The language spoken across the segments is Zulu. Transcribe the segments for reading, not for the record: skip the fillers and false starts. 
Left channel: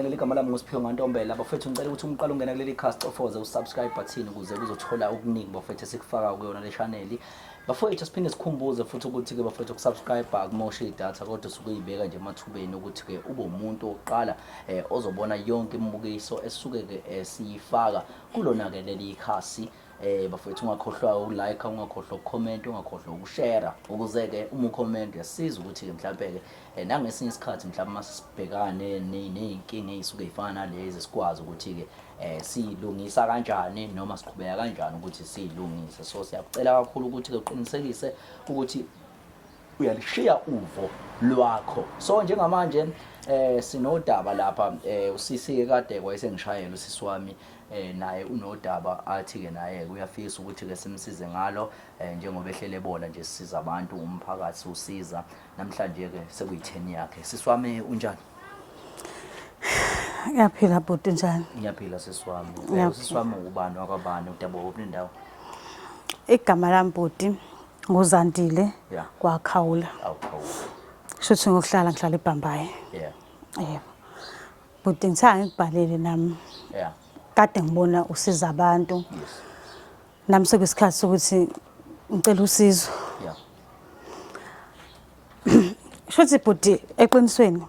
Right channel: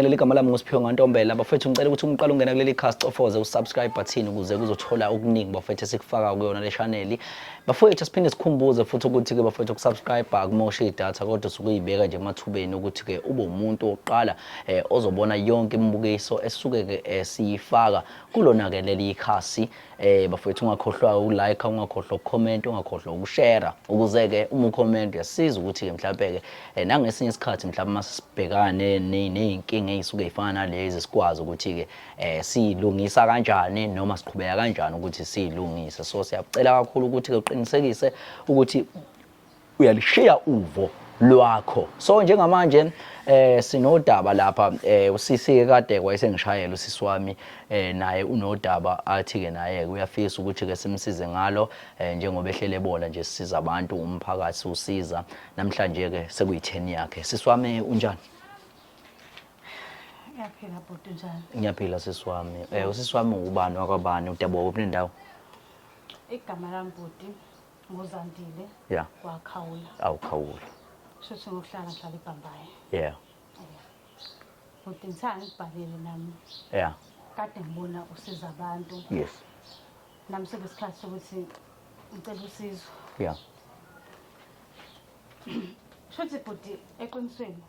ngibingelele igama lami nguSiphiwe Ngantombela bafethu ngicela ukuthi umqala ungena kuleli cast ofoze usubscribe button ukuze kuzothola okuningi bafethu esikufaka kuyona le channel bafethu siphinde sikhumbuze futhi ukuthi ke bafethu ukusubscribe akumoshi idatha kodwa sukuyibeka nje emathubeni ukuthi ke ube umuntu oqala ozobona yonke imibukiso esuke ke siyifaka kulona ke leli khasi bafethu ungakhohlwa ukulike ungakhohlwa ukucomment ungakhohlwa ukushare ukuze ke uma ucomment yasiza ukuthi ke mhlawumbe ke nangesinye isikhathi mhlawumbe masibhekane neyinkinga ezisuke ezifana nalezi sikwazi ukuthi ke silungisa kanjani noma siqhubeka kanjani ukuthi silungise so siyacela kakhulu ukuthi ke uqinisekise ukuthi uyalishiya uvo lwakho so njengamanje sinodaba lapha usisi kade kwayesengishayela usisi wami naye unodaba athi ke naye uyafisa ukuthi ke simsize ngalo njengoba ehlele bola nje sisiza abantu umphakathi usiza namhlanje ke sekuyi10 yakhe sisi wami unjani Ngiyaphila bhuti njani ngiyaphila sisi wami usisi wami ubani wakwabani udabo kuphi indawo igama lami bhuti nguzandile yeah kwakhawula awukhawula shothi ngokuhlala ngihlala eBhambayi yeah bhuti ngithanga ngibhalele nami yeah kade ngibona usiza abantu yes nami sekuyisikhathi sokuthi ngicela usizo yeah shothi bhuti eqinisweni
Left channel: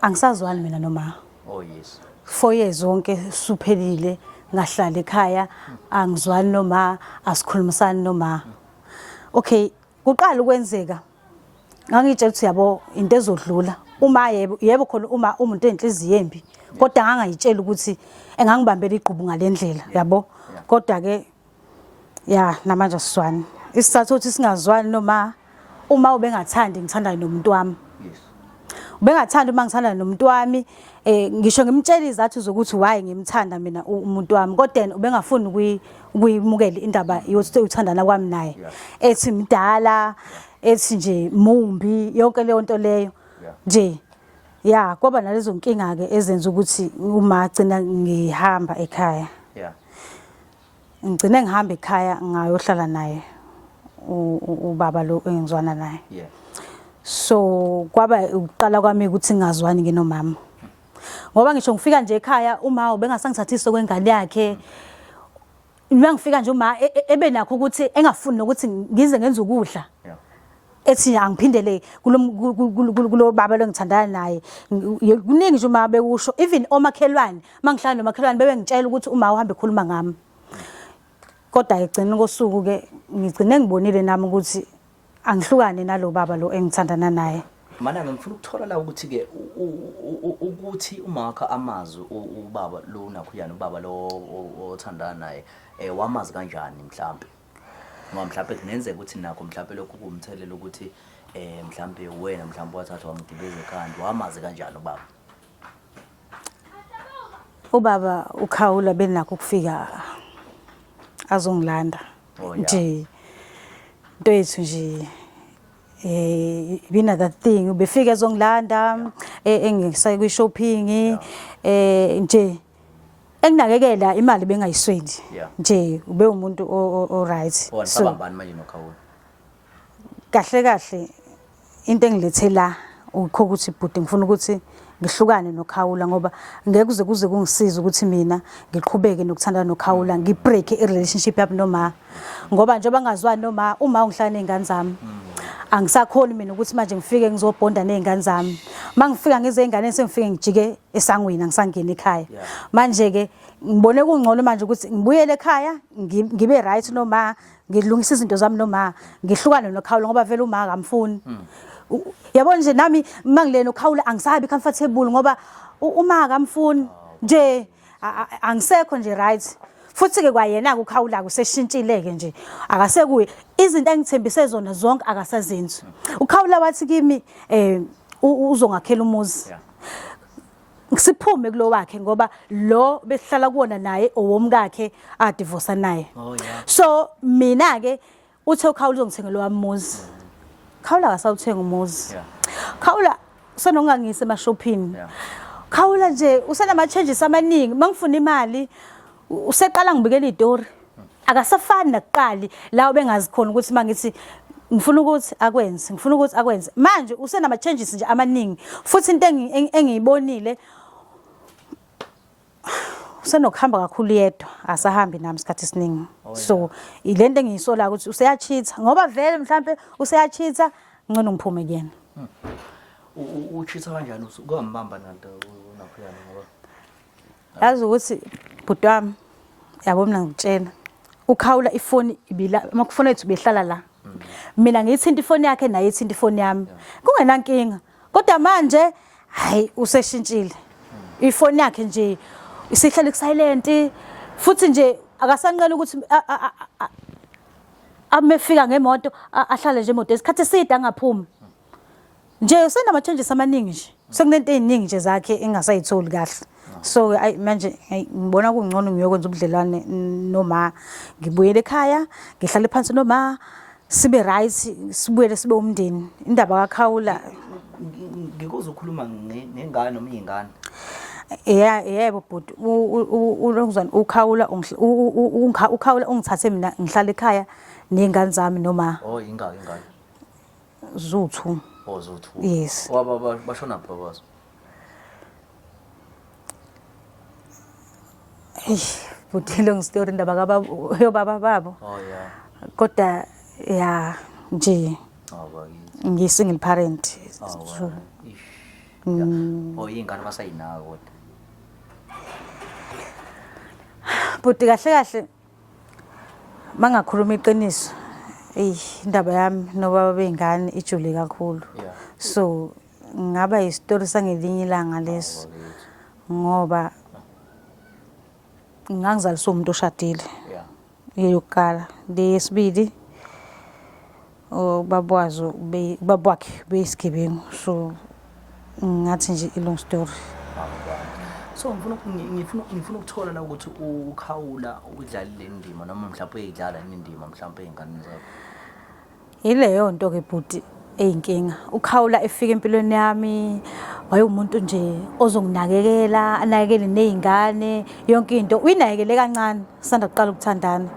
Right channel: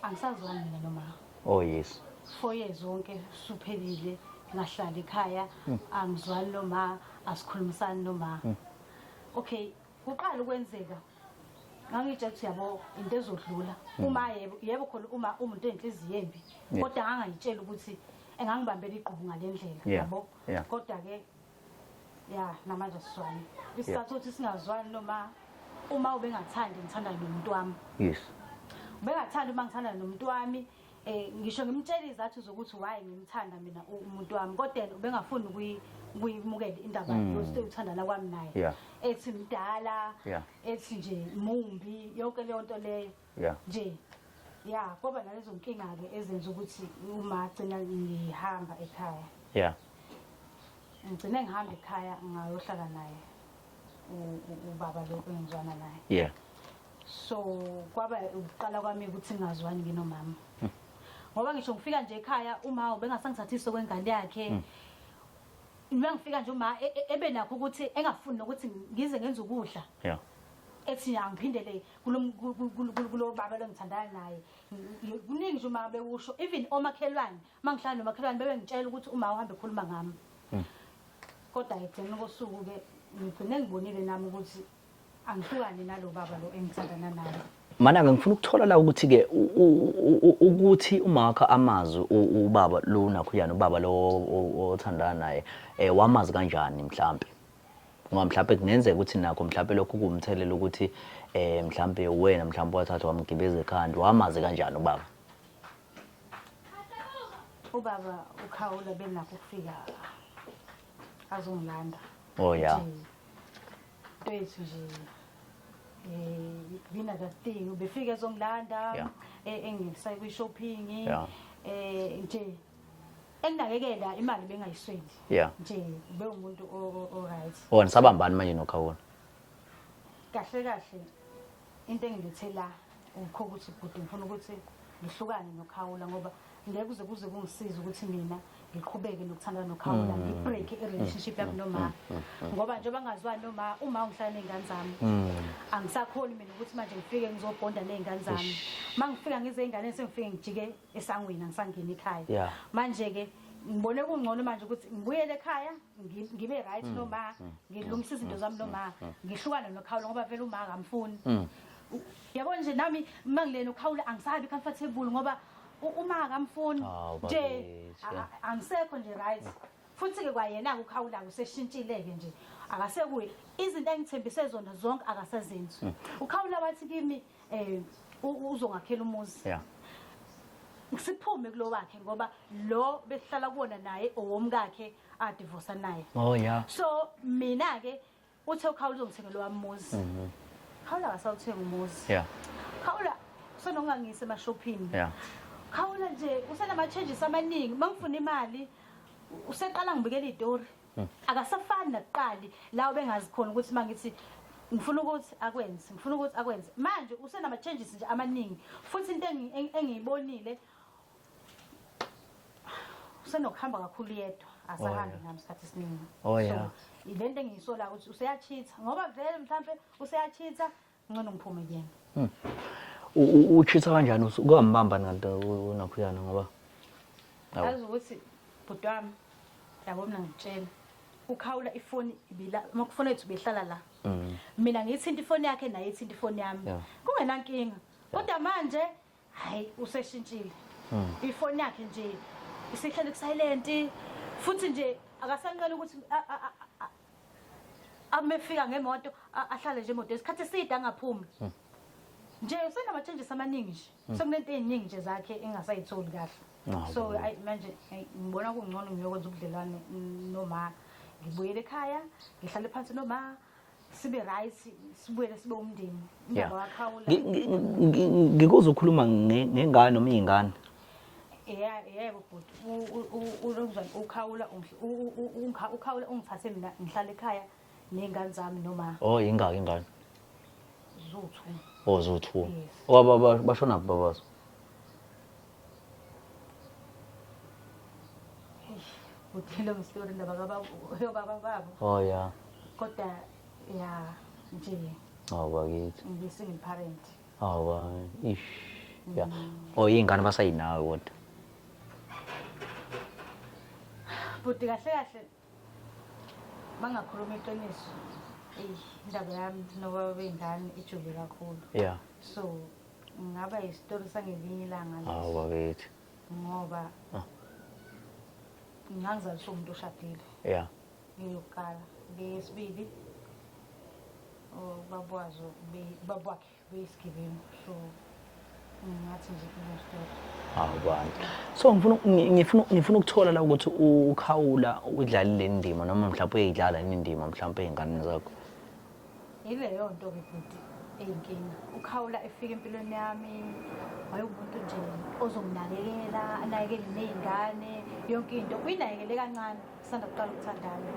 angisazwani mina noma oh yes 4 years zonke suphelile ngahlala ekhaya angizwani noma asikhulumisani noma okay kuqala ukwenzeka ngangitshela ukuthi yabo into ezodlula uma yebo khona uma umuntu enhliziyo embi kodwa ngangayitshela ukuthi engangibambela iqhubu ngalendlela yabo kodwa ke ya namanje siswani isizathu ukuthi singazwani noma uma ubengathandi ngithanda nomuntu wami yes ubengathanda uma ngithanda nomuntu wami ngisho ngimtshela izathu zokuthi why ngimthanda mina umuntu wami kodwa ubengafuni ukuyimukela indaba yokuthi uthandana kwami naye ethi mdala ethi nje mumbi yonke leyo nto leyo nje ya kwaba nalezo nkinga ke ezenza ukuthi uma agcina ngihamba ekhaya ngicine ngihamba ekhaya ngayohlala naye ubaba lo engizwana naye so kwaba uqala kwami ukuthi ngazwani ngenomama ngoba ngisho ngifika nje ekhaya uma ubengasangithathisa kwengane yakhe uma ngifika nje uma ebenakho ukuthi engafuni nokuthi ngize ngenze ukudla ethi angiphindele kulo baba lo ngithandana naye kuningi nje uma bekusho even omakhelwane mangihlala nomakhelwane bebe ngitshela ukuthi uma uhambe ekhuluma ngami kodwa egcina kosuku ke ngigcine ngibonile nami ukuthi angihlukane nalo baba lo engithandana naye mana ngifuna ukuthola la ukuthi ke ukuthi umakha amazwi ubaba lo nakhuyana ubaba lo othandana naye wamazi kanjani mhlambe ngoba mhlambe kunenzeka ukuthi nakho mhlambe lokhu kumthelela ukuthi mhlambe wena mhlambe wathatha wamgibeza ekhanda wamazi kanjani ubaba ukhawula benakho ukufika azongilanda nje into yethu nje bina that thing ubefika ezongilanda engisayi kwi shopping nje enginakekela imali bengayiswendi nje ube umuntu o right sabambani manje nokhawula kahle into engilethela ukho ukuthi bhuti ngifuna ukuthi ngihlukane nokhawula ngoba ngeke kuze kungisiza ukuthi mina ngiqhubeke nokuthandana nokhawula ngibreak irelationship yami noma ngoba njengoba ngazwani noma uma ungihlala nezingane zami angisakhoni mina ukuthi manje ngifike ngizobonda nezingane zami mangifika ngizengane sengifike ngijike esangweni angisangena ekhaya manje ke ngibone kungcono manje ukuthi ngibuyele ekhaya ngibe right noma ngilungisa izinto zami noma ngihlukane nokhawula ngoba vele uma akamfuni yabona nje nami mangilena ukhawula angisabi comfortable ngoba uma akamfuni nje angisekho nje right futhi ke kwayena ukukhawula kuseshintshileke nje akasekuye izinto engithembise zona zonke akasazenzi ukhawula wathi kimi uzongakhela umuzi ngisiphume kulo wakhe ngoba lo besihlala kuona naye owomkakhe a divorce naye so mina ke uthe ukhawula uzongithengela wami umuzi khawula akasawuthenga umuzi khawula senongangise emashopping khawula nje usenama changes amaningi mangifuna imali useqala ngibikela iDori akasafani nakuqali la ubengazikhona ukuthi mangithi ngifuna ukuthi akwenze manje usenama changes nje amaningi futhi into engiyibonile usenokuhamba kakhulu yedwa asahambi nami isikhathi esiningi so ilento engiyisola ukuthi useyachitha ngoba vele mhlambe useyachitha ngcono ngiphume kuyena uchitha kanjani ukambamba nanto unakhuyana ngoba yazi ukuthi bhuti wami yabo mina ngitshela ukhawula ifoni ibila amakufoni ethu behlala la mina ngiyithinta ifoni yakhe naye ithinta ifoni yami kungenankinga kodwa manje hayi useshintshile ifoni yakhe nje isihlala silent futhi nje akasanqela ukuthi amefika ngemoto ahlale nje emoto isikhathi eside angaphumi nje usenama changes amaningi nje sekunento eziningi nje zakhe engasayitholi kahle so manje ngibona kungcono ngiyokwenza ubudlelwane noma ngibuyele ekhaya ngihlale phansi noma sibe right sibuyele sibe umndeni indaba kaKhawula ngikuza ukukhuluma ngengane noma izingane yebo bhuti ulonguzwana uKhawula uKhawula ungithathe mina ngihlala ekhaya nezingane zami noma ingaki ingane Zuthu Zuthu yes bashona babazo bhuti long story indaba kababa babo yeah kodwa ya nje bakithi ngisingle parent ingane basayinaka kodwa bhuti kahle mangakhuluma iqiniso indaba yami nobaba bengane ijule kakhulu so ngaba istory sangelinye ilanga leso ngoba ngangizalisa umuntu oshadile yeyokala lesibili babwakhe beyisigebengu so ngathi nje ilong story so ngifuna ukuthola la ukuthi uKhawula udlalile indima noma mhlawumbe uyidlala indima mhlawumbe ezingane zakho ileyo nto ke bhuti eyinkinga uKhawula efika empilweni yami wayeumuntu nje ozonginakekela anakekele nezingane yonke into uyinakekele kancane sanda kuqala ukuthandana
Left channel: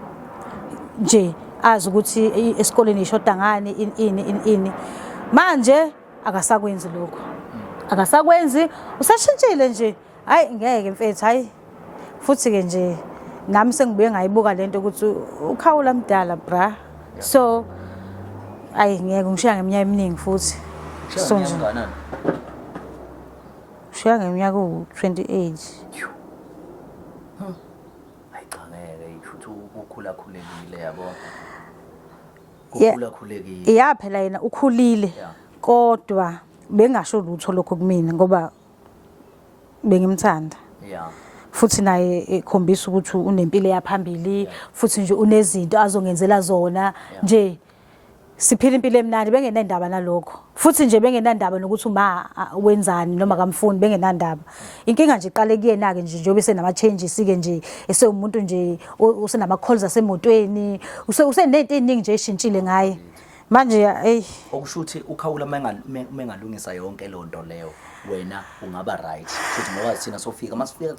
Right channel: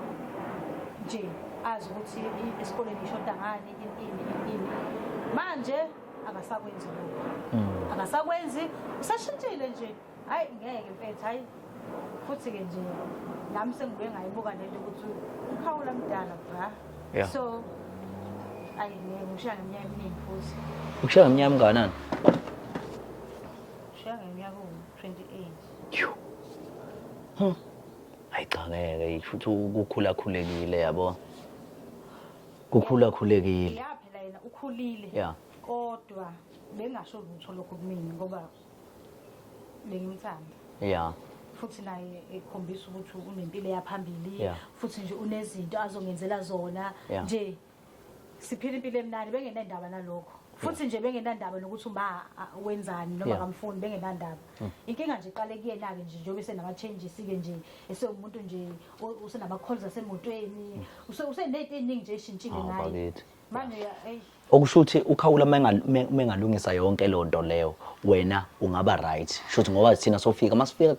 nje azi ukuthi esikoleni ishoda ngani ini manje akasakwenzi lokho akasakwenzi usashintshile nje hayi ngeke mfethu hayi futhi ke nje nami sengibuye ngayibuka lento ukuthi uKhawula mdala bra so ayi ngeke ngishiya ngeminyaka eminingi futhi ukushiya ngeminyaka enganani ushiya ngeminyaka u28 hayi cha ngeke futhi ukukhula khulekile yabo ukukhula khulekile phela yena ukhulile kodwa bengasho lutho lokho kumina ngoba bengimthanda futhi naye ekhombisa ukuthi unempilo yaphambili futhi nje unezinto azongenzela zona nje siphila impilo emnandi bengenandaba nalokho futhi nje bengenandaba nokuthi uma wenzani noma kamfuni bengenandaba inkinga nje iqale kuyena ke nje njengoba senama changes ke nje esewumuntu nje usenama calls asemotweni usenento eziningi nje eshintshile ngaye manje okusho ukuthi uKhawula mengalungisa yonke lonto leyo wena ungaba right futhi ngoba sina sofika masifika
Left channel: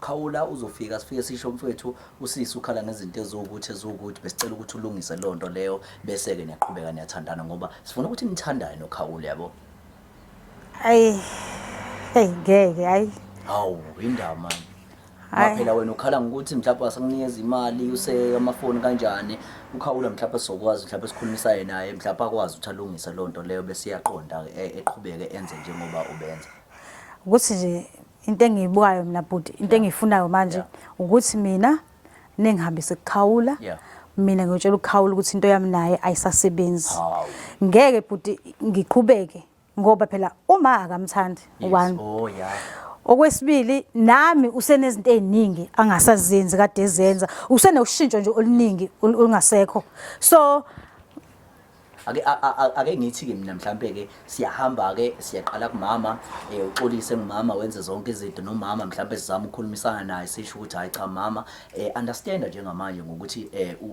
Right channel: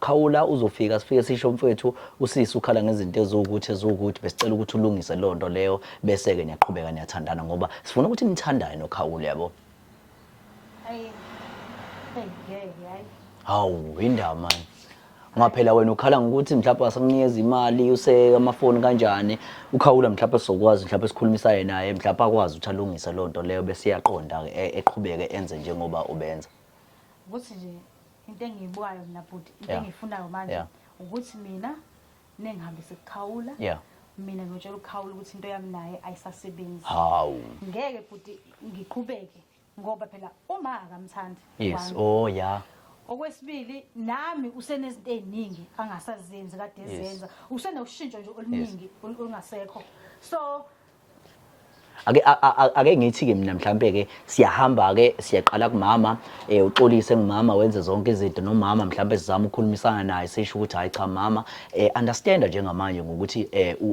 Khawula uzofika sifike sisho mfethu usisi ukhala ngezinto ezokuthi besicela ukuthi ulungise lonto leyo bese ke niyaqhubeka niyathandana ngoba sifuna ukuthi nithandane noKhawula yabo ngeke indaba man maphela wena ukhala ngokuthi mhlawumbe asakunikeza imali use amafoni kanjani uKhawula mhlawumbe sizokwazi mhlawumbe sikhulumisane naye mhlawumbe akwazi ukuthi alungise lonto leyo bese iyaqonda eqhubeke enze njengoba ubenza ukuthi nje into engiyibukayo mina bhuti into engiyifunayo manje ukuthi mina nengihambise kuKhawula mina ngiyotshela uKhawula ukuthi into yami naye ayisasebenzi ngeke bhuti ngiqhubeke ngoba phela uma akamthandi one okwesibili nami usenezinto eziningi angasazenzi kade ezenza usenoshintsho nje oluningi olungasekho so ake ngithi ke mina mhlambe ke siyahamba ke siyaqala kumama uxolise ngumama wenze zonke izinto nomama mhlambe sizama ukukhulumisana naye sisho ukuthi hayi cha mama understand njengamanje ngokuthi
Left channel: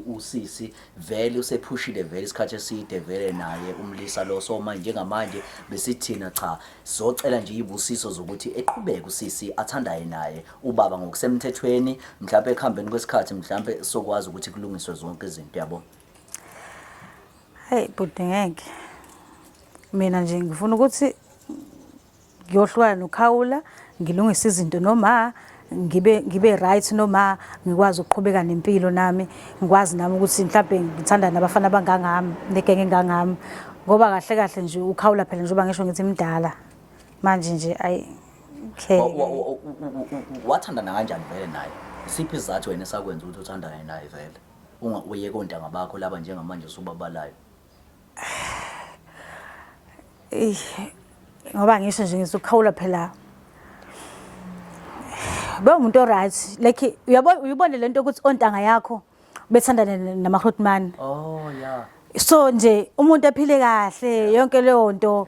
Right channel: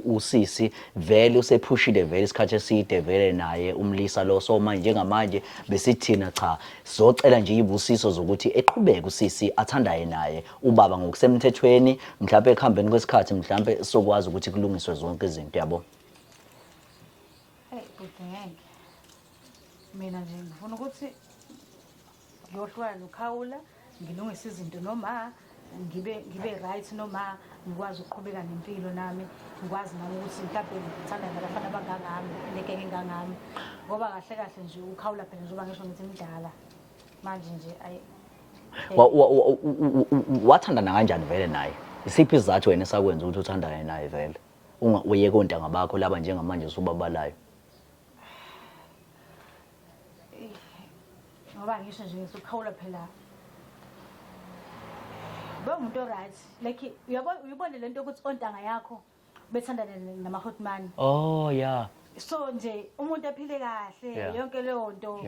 usisi vele usephushile vele isikhathi eside vele naye umlisa lo so manje njengamanje besithina cha sizocela nje ibusiso zokuthi eqhubeke usisi athandaye naye ubaba ngokusemthethweni mhlambe ekhambeni kwesikhathi mhlambe sokwazi ukuthi kulungiswe zonke izinto yabo Hey bhuti ngeke. Mina nje ngifuna ukuthi ngiyohlukana noKhawula, ngilungise izinto noma ngibe right noma ngikwazi ukuqhubeka nempilo nami, ngikwazi nami ukuthi mhlawumbe ngithanda nabafana abangangami, negenge engangami. Ngoba kahle kahle nje uKhawula phela njengoba ngisho ngithi mdala. Manje nje ayi wathandana kanjani vele naye? Isiphi isizathu wena esakwenza ukuthi uthandane naye vele? Uyeke ontanga bakho laba njengamanje usubabalayo. Ngoba ngisho nje ngisukhawula phela umuntu right, like uyabona lento ukuthi ontanga yakho bethandana namaHotman. Oh yeah. So nje umuntu aphile kahle yonke leyo nto.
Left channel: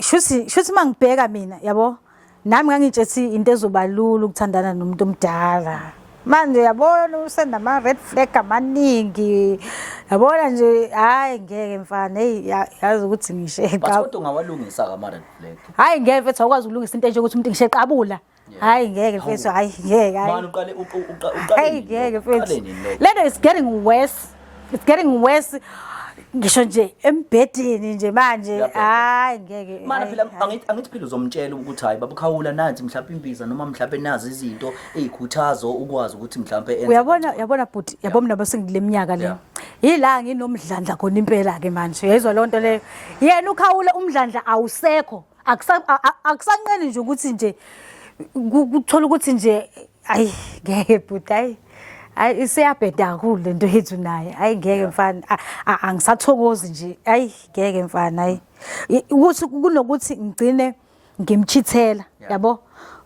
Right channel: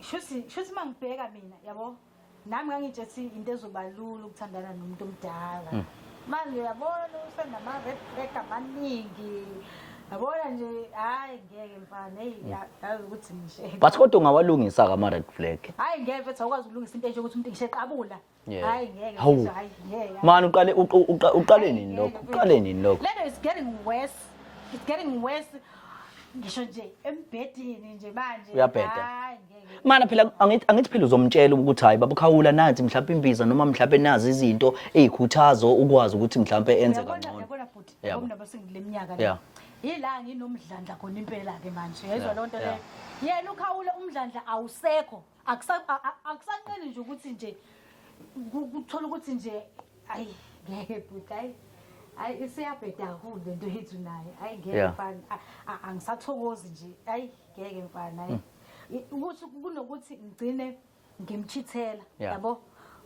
Shuthi mangibheka mina yabo nami ngangitshethi into ezobalula ukuthandana nomuntu omdala. Manje yabona usenama red flag amaningi. Yabona nje hayi ngeke mfana yazi ukuthi ngisheqa. But kodwa ungawalungisa ama red flag. Hayi ngeke mfethu awukwazi ukulungisa into nje ukuthi umuntu ngisheqabula. Hayi ngeke mfethu hayi ngeke. Man uqale nini lo? Later it's getting worse. It's getting worse. Ngisho nje embedeni nje manje hayi ngeke. Mana phela angithi phela uzomtshela ukuthi hayi baba Khawula nathi mhlawumbe imbiza noma mhlawumbe nazi izinto ezikhuthazo ukwazi ukuthi mhlawumbe enze. Uyabona bhuti yabo mina basengile minyaka le. Yila nginomdlandla khona impela ke manje. Uyayizwa lonto le. Yena uKhawula umdlandla awusekho. Akusanqeni nje ukuthi nje ukuthola ukuthi nje ayi ngeke bhuti hayi. Hayi isiyabheda kakhulu lento yethu naye. Hayi ngeke mfana angisathokozi nje. Hayi ngeke mfana hayi. Ukuthi kunokuthi ngigcine ngimchithela yabo.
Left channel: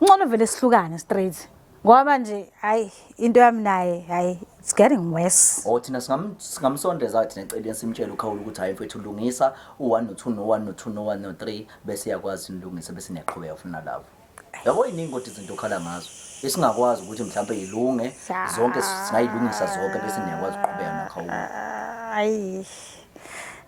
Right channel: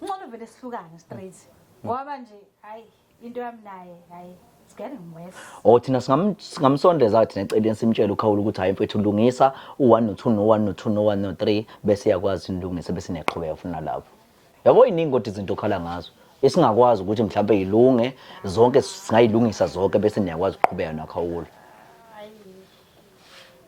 Ngcono vele sihlukane straight. Ngoba manje hayi into yami naye hayi it's getting worse. Thina singamsondeza thina eceleni simtshela uKhawula ukuthi hayi mfethu ulungisa u1 no2 no1 no2 no1 no3 bese yakwazi ulungisa bese niyaqhubeka funa lapho. Yabo iningi kodwa izinto okhala ngazo. Esingakwazi ukuthi mhlawumbe ilunge zonke singayilungisa zonke bese niyakwazi ukuqhubeka noKhawula. Hayi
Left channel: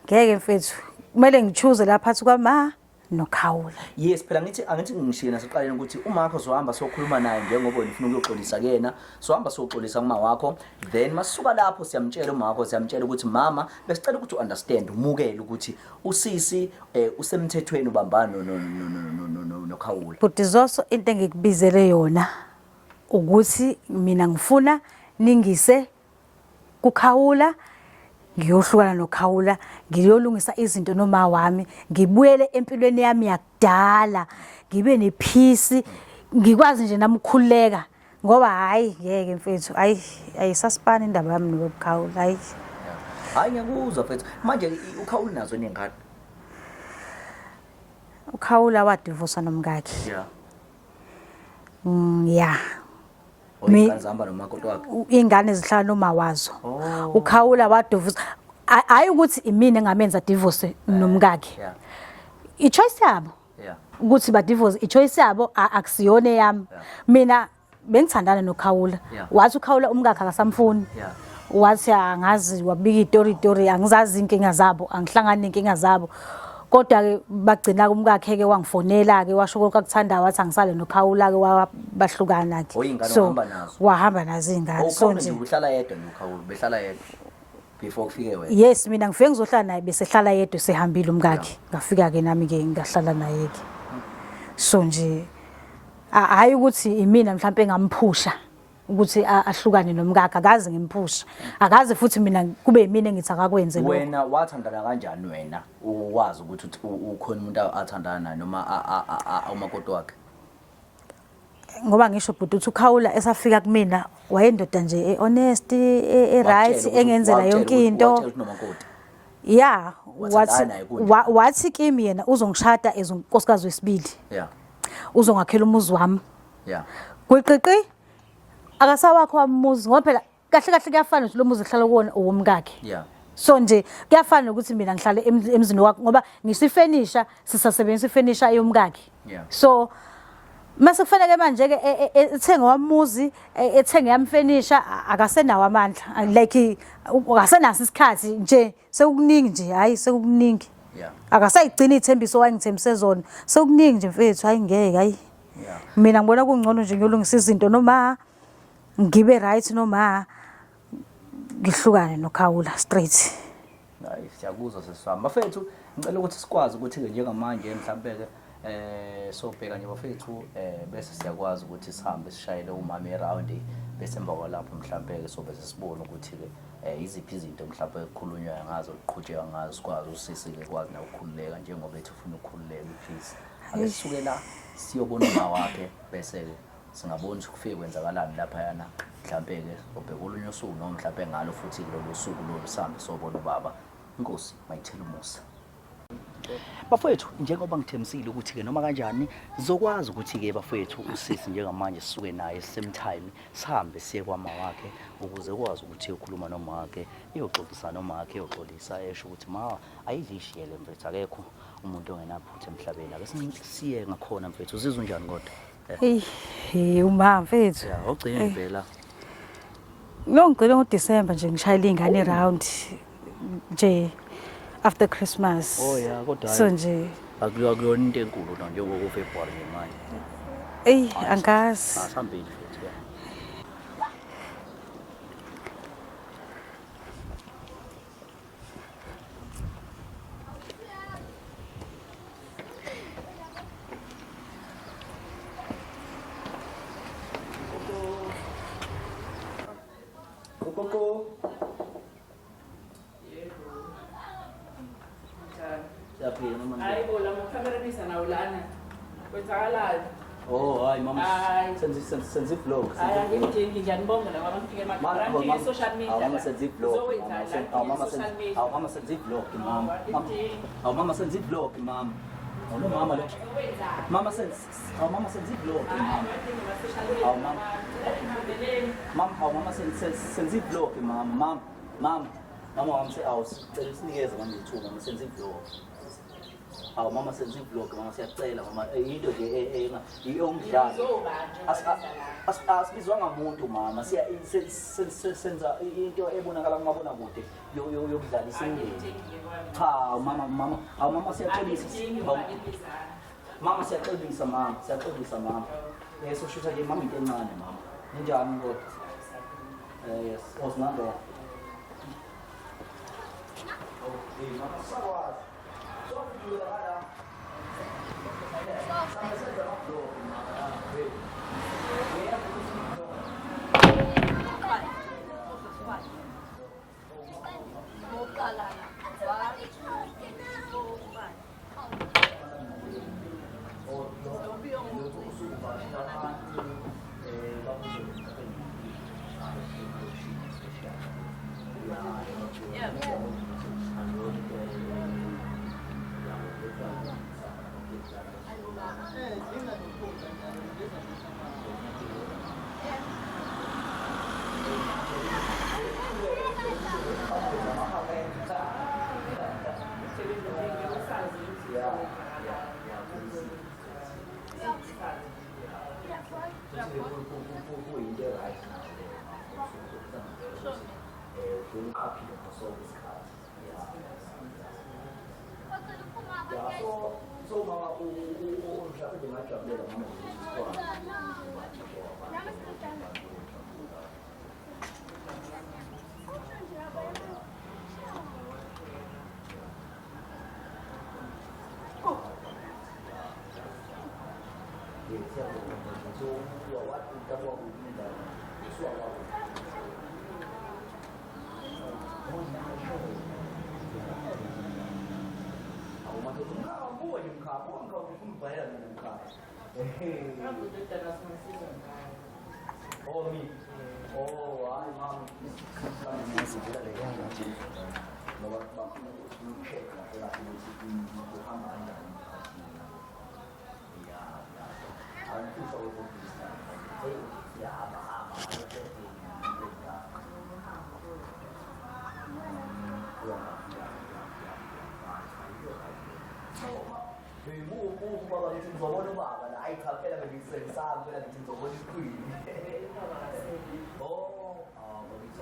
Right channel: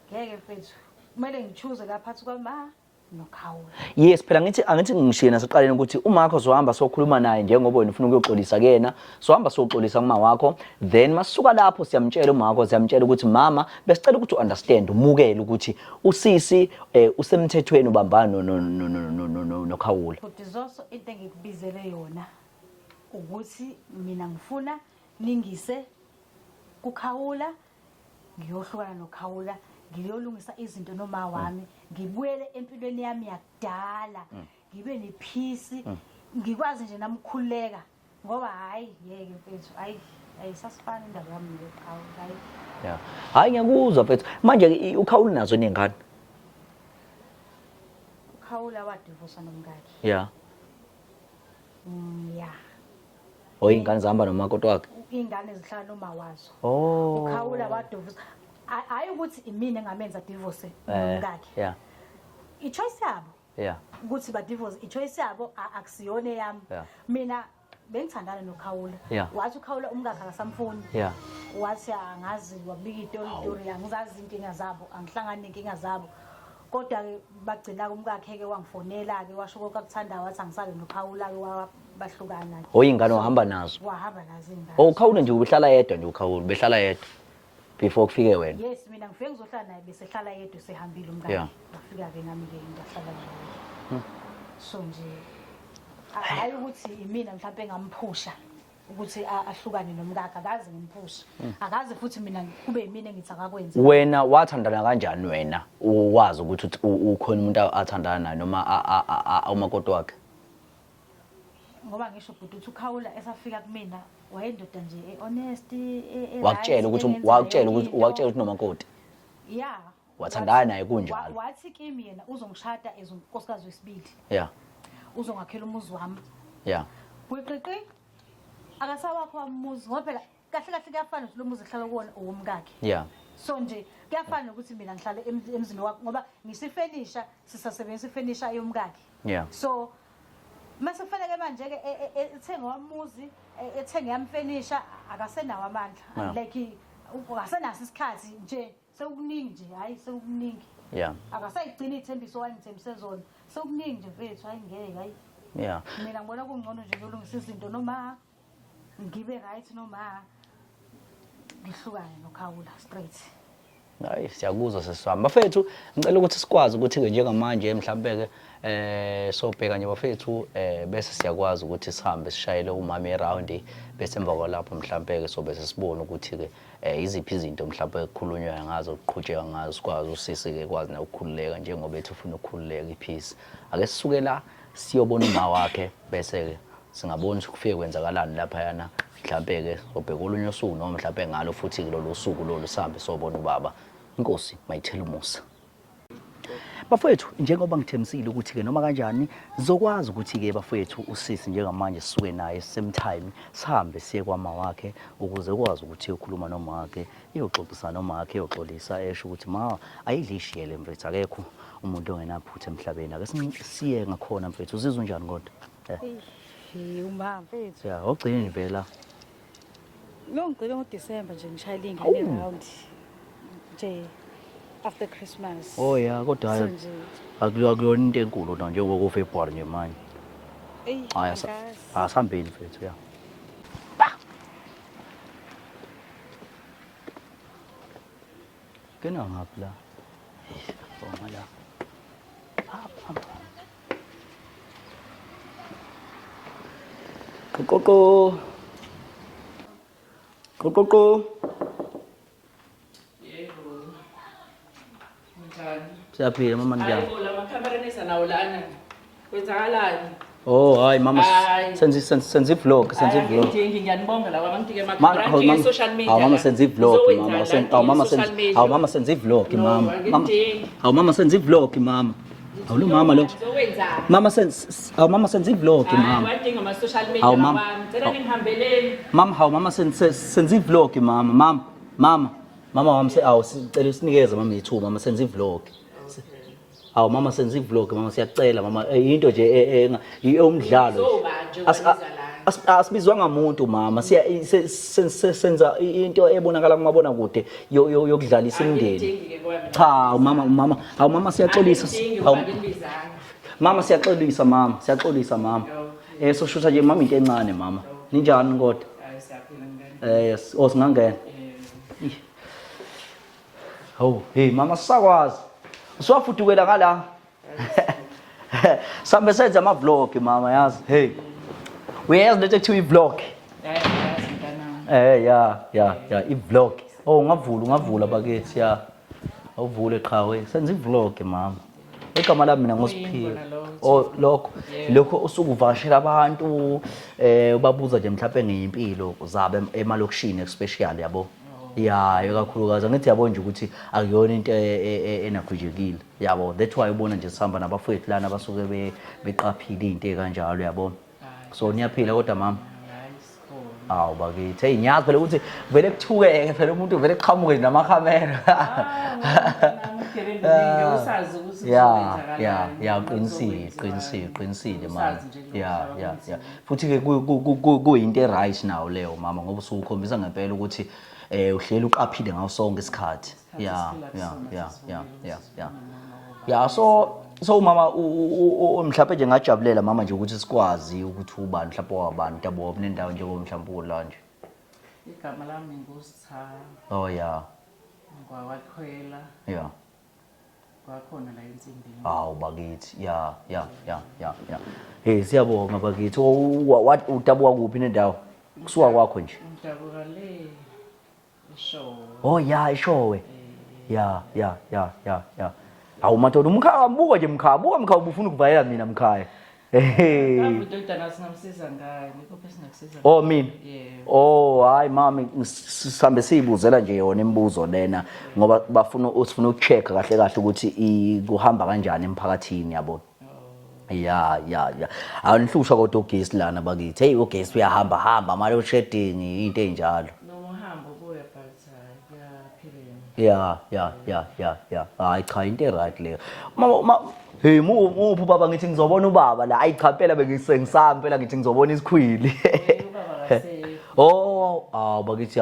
ngeke mfethu kumele ngichoose lapha phansi kwama noKhawula. Yes phela angithi ngishiyena siqaleni ukuthi umakho sohamba sokhuluma naye njengoba wena ufuna ukuyoxolisa kuyena sohamba soxolisa kuma wakho then masisuka lapho siyamtshela umakho siyamtshela ukuthi mama besicela ukuthi uunderstand umukele ukuthi usisi usemthethweni ubambana noKhawula. But izoso into engikubizele yona ukuthi mina ngifuna ningise kuKhawula ngiyohlukana noKhawula ngiyolungisa izinto noma wami ngibuyele empilweni yami yakudala ngibe nepeace ngikwazi nje namkhuleka ngoba hayi ngeke mfethu ayisasipana indaba yami noKhawula hayi hayi ngiyakuzwa mfethu manje uKhawula nazo nengane uKhawula wadivorce nomkakhe yeah ingane zihamba nomakoti wakhe ingane zihlala noma wazo uKhawula wadivorce hayi ukuthi imina engamenza divorce nomkakhe ichoice yabo ukuthi ba divorce ichoice yabo akusiyone yami mina bengithandana noKhawula wathi uKhawula umkakhe akasamfuni wathi angazi wabika itori angizazi inkinga zabo angihlangani nenkinga zabo kodwa ke bagcina kumkakhe ke wangifonela ke washo ukukuthanda wathi angisale noKhawula ke wabahlukana ke oyingane wahamba nazo wahamba nazo ingane ukhona nje uhlala yedwa nje uKhawula behlala yedwa before kufike wena yes mina ngifike ngizohlala naye bese hlala yedwa sehambile umkakhe ngafika ke nami ke ngahlala naye ke so nje hayi ukuthi imina mhlawumbe engamphusha ukuthi ahlukane nomkakhe akazi ngimphusha akazi futhi mina kube yimina engithi akakwenze wena wathandana kanjani wena uwazi ukuthi ukhona umuntu athandana naye noma umakoti wakhe ngoba ngisho bhuti uthi uKhawula esafika kumina wayendoda nje honest right engenzela yonke into watshela ukuthi nomakoti wathi kimi yena uzongishada ezonkosikazi wesibili uzongakhela umuzi wami kwiqiqi akasawakho wamuzi ngoba phela kahle kahle kuyafana ukuthi lo muzi ehlala kuwona owomkakhe so nje kuyafana ukuthi mina ngihlale emzini wakhe ngoba ngisifenisha sisasebenzisa ifenisha yomkakhe so mase kufanele manje ke ethenge wamuzi ethenge yamfenisha akasenawo amandla like akasenaso isikhathi nje sekukuningi nje hayi sekukuningi akasayigcina ithembiso wangithembise zona sekukuningi nje mfethu hayi ngeke hayi mina ngibona kungcono nje ngiyolungisa izinto noma ngibe right noma ngihlukane noKhawula straight Hayi siyakuzwa sesihamba. Bafethu ngicela ukuthi sikwazi ukuthi-ke njengamanje mhlambe-ke sobheka nje bafethu bese siyakwazi ukuthi sihambe sishayele umama eround bese emva kwalapho mhlambe-ke sobe sesibona ukuthi-ke iziphi izinto mhlambe ekukhulunywa ngazo kuqhutsheka ngazo sikwazi usisi-ke kwazi nokukhululeka njengoba ethi ufuna ukukhululeka iphisi. Ake sisuke la siyobona uma wakhe bese-ke singabona ukuthi kufike kwenzakalani laphayana mhlambe-ke sobheka olunye usuku noma mhlambe ngalo futhi kulolu suku lolu sihambe sobona ubaba. Inkosi mayithela umusa. Bafowethu njengoba ngithembisile ukuthi-ke noma kanjani zokwazi ukuthi-ke bafowethu usisi njengamanje sisuke naye same time sihambe siye kwama wakhe ukuze ukwazi ukuthi uyokhuluma noma wakhe iyoxoxisana noma wakhe iyoxolisa esho ukuthi ma ayidlishiyele mfethu akekho umuntu ongenaphutha emhlabeni. Ake siye ngakhona mfethu uzizwa njani kodwa? Hey uma mfethu. Ya ogcina impela. Lo ngicela ngoDisemba nje ngishayela ingane round nje after Christmas. Oh ya kodwa so nje akuyona into enkulu na njengoba ku February nje manje. Angazi. Asihambeni mfethu ya. Kena ngapha la. Kokoko. Kokoko. Siyaphila mama njani? Hayi la makhamera nawo lana. Kwenzakalani? Oh hayi mama senze vlog Ngiyanibonga la abantu-ke emakhaya social media. Mama senze vlog mama senze vlog mama. Mama senze vlog mama. Awulo mama lo. Mama senze vlog mama. Wadinga ama social media mama. Ngicela ningihambeleni. Mama senze vlog mama. Mama wami sicela sinikeze mama ithuba mama senze vlog. Mama senze vlog mama siyacela mama into nje eyomdlalo. Asibizwanga umuntu mama senza into ebonakala kumabona kude yokudlalisa imindeni. Cha mama siyaxolisa. Mama siyaxolisa mama. So shutha nje mama into encane mama. Ninjani kodwa? Yes, osingangena. Oh, hey mama sakwazi. Siwafudukela ngala. Sambe senza ama vlog mama yazi. Hey. Uyazi lento ekuthiwa i-vlog. Ya, i-vlog. Oh ngavula bakithi ya. Awuvule qhawe. Senza i-vlog mama. Igama lami mina ngosiphila. Oh lokho usukuvashela abantu ubabuza nje mhlawumbe ngeyimpilo zabe emalokishini especially yabo. Ya kakhulukazi ngithi yabo nje ukuthi akuyona into enakhujekile yabo. That's why ubona nje sihamba nabafowethu lana basuke beqaphile into ekanjalo yabo. So niyaphila kodwa mama. Bakithi ngiyazi phela ukuthi vele kuthukeke phela umuntu vele eqhamuke namakhamera. Ya qinisile mama. Ya. Futhi ke kuyinto eright nawo leyo mama ngoba usukhombisa ngempela ukuthi uhlela uqaphile ngaso sonke isikhathi. Ya so mama mhlawumbe nje ngajabulela mama nje ukuthi sikwazi ukuthi ubani mhlawumbe wabantu abo kunendawo nje mhlawumbe la nje. Igama lami ngusithaba. Oh ya. Wakhwela. Ya. Wakhona la insini. Bakithi. Ya. Hey siyabonga bakithi. Utabuka kuphi nendawo? Kusuka kwakho nje. Udabuka le. Show. Oh ya ishowe. Ya. Madoda umkhaya mbuka nje mkhaya ubufuna ukuvayela mina mkhaya. Ngidodana singamsiza ngayo. Oh mina. Hayi mami sihambe siyibuzela nje yona imibuzo lena ngoba usifuna ukucheck kahle ukuthi kuhamba kanjani emphakathini yabo. Ya. Awunihlusha kodwa ugesi lana bakithi. Hey ugesi uyahamba manje usheding into enjalo. Ya. Hayi cha into right leyo. Mama hey muphi baba ngithi ngizobona ubaba la. Hayi cha phela bengisengisami phela ngithi ngizobona isikhwili. Bakithi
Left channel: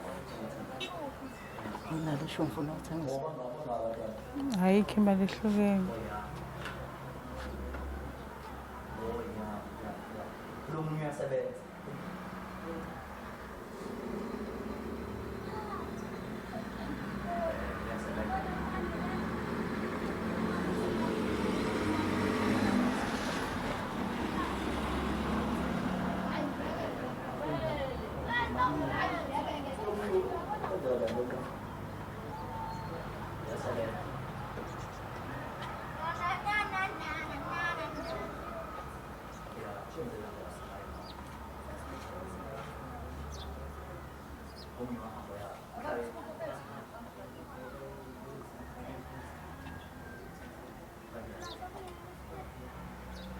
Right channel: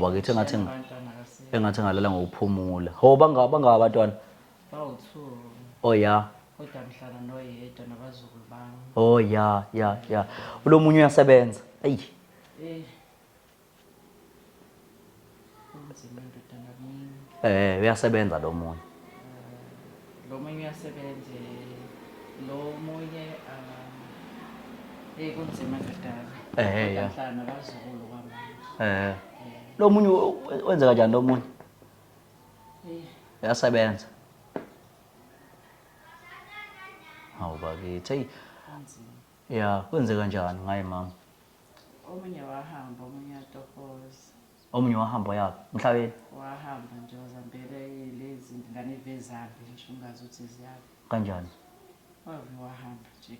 bakithi engathi ngalala ngokuphumula. Bangaba abantwana. Ayikho imali ehlukene. Ya. Lo munye uyasebenza. Ayi. uyasebenza lo muntu. Ya. Lo munye wenza kanjani lo munye? Uyasebenza. Bakithi. Ya, kwenze kanjani ngaye mama? Omunye wahamba yakhe emhlabeni. Wahamba nje zambele lezi ngane vezakhe ngisho ngazuthi ziyakhe. Kanjani? Wahamba nje.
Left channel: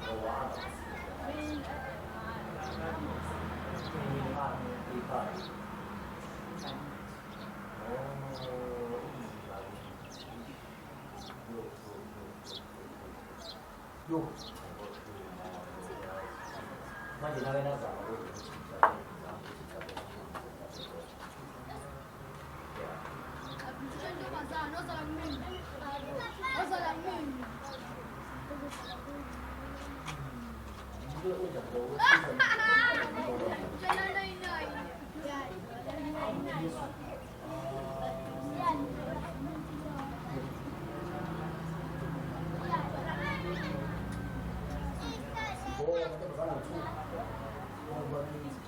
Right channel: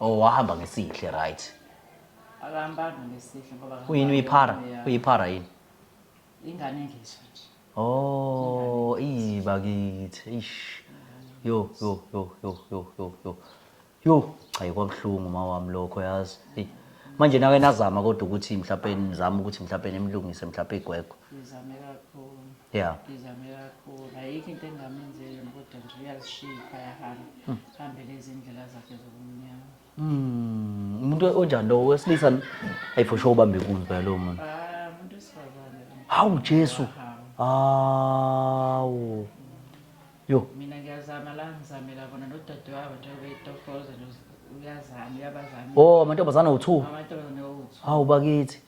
Oh, wahamba ngesihle right. Abambani ngesifo. Uyini uyiphara yini? Ingane nje. Oh, bakithi. Ish. Yo. Hayi kwabuhlungu mawami lokho yazi. Manje nake nazama kodwa ukuthi mhlawumbe nizama ukuthi mhlawumbe nemlungise mhlawumbe igwegwe. Ngizame kakhulu. Yeah. Ngizame kakhulu. Ayikho into engingamenzela kodwa ngiyashisa. Hambe lezi ndlela zakhe. Umuntu onjani lo wesilisa for sure ubambe kudla lo muntu. Hawu Jesu. Awu. Yo. Oh, amantombazana u2. Hawu bakithi.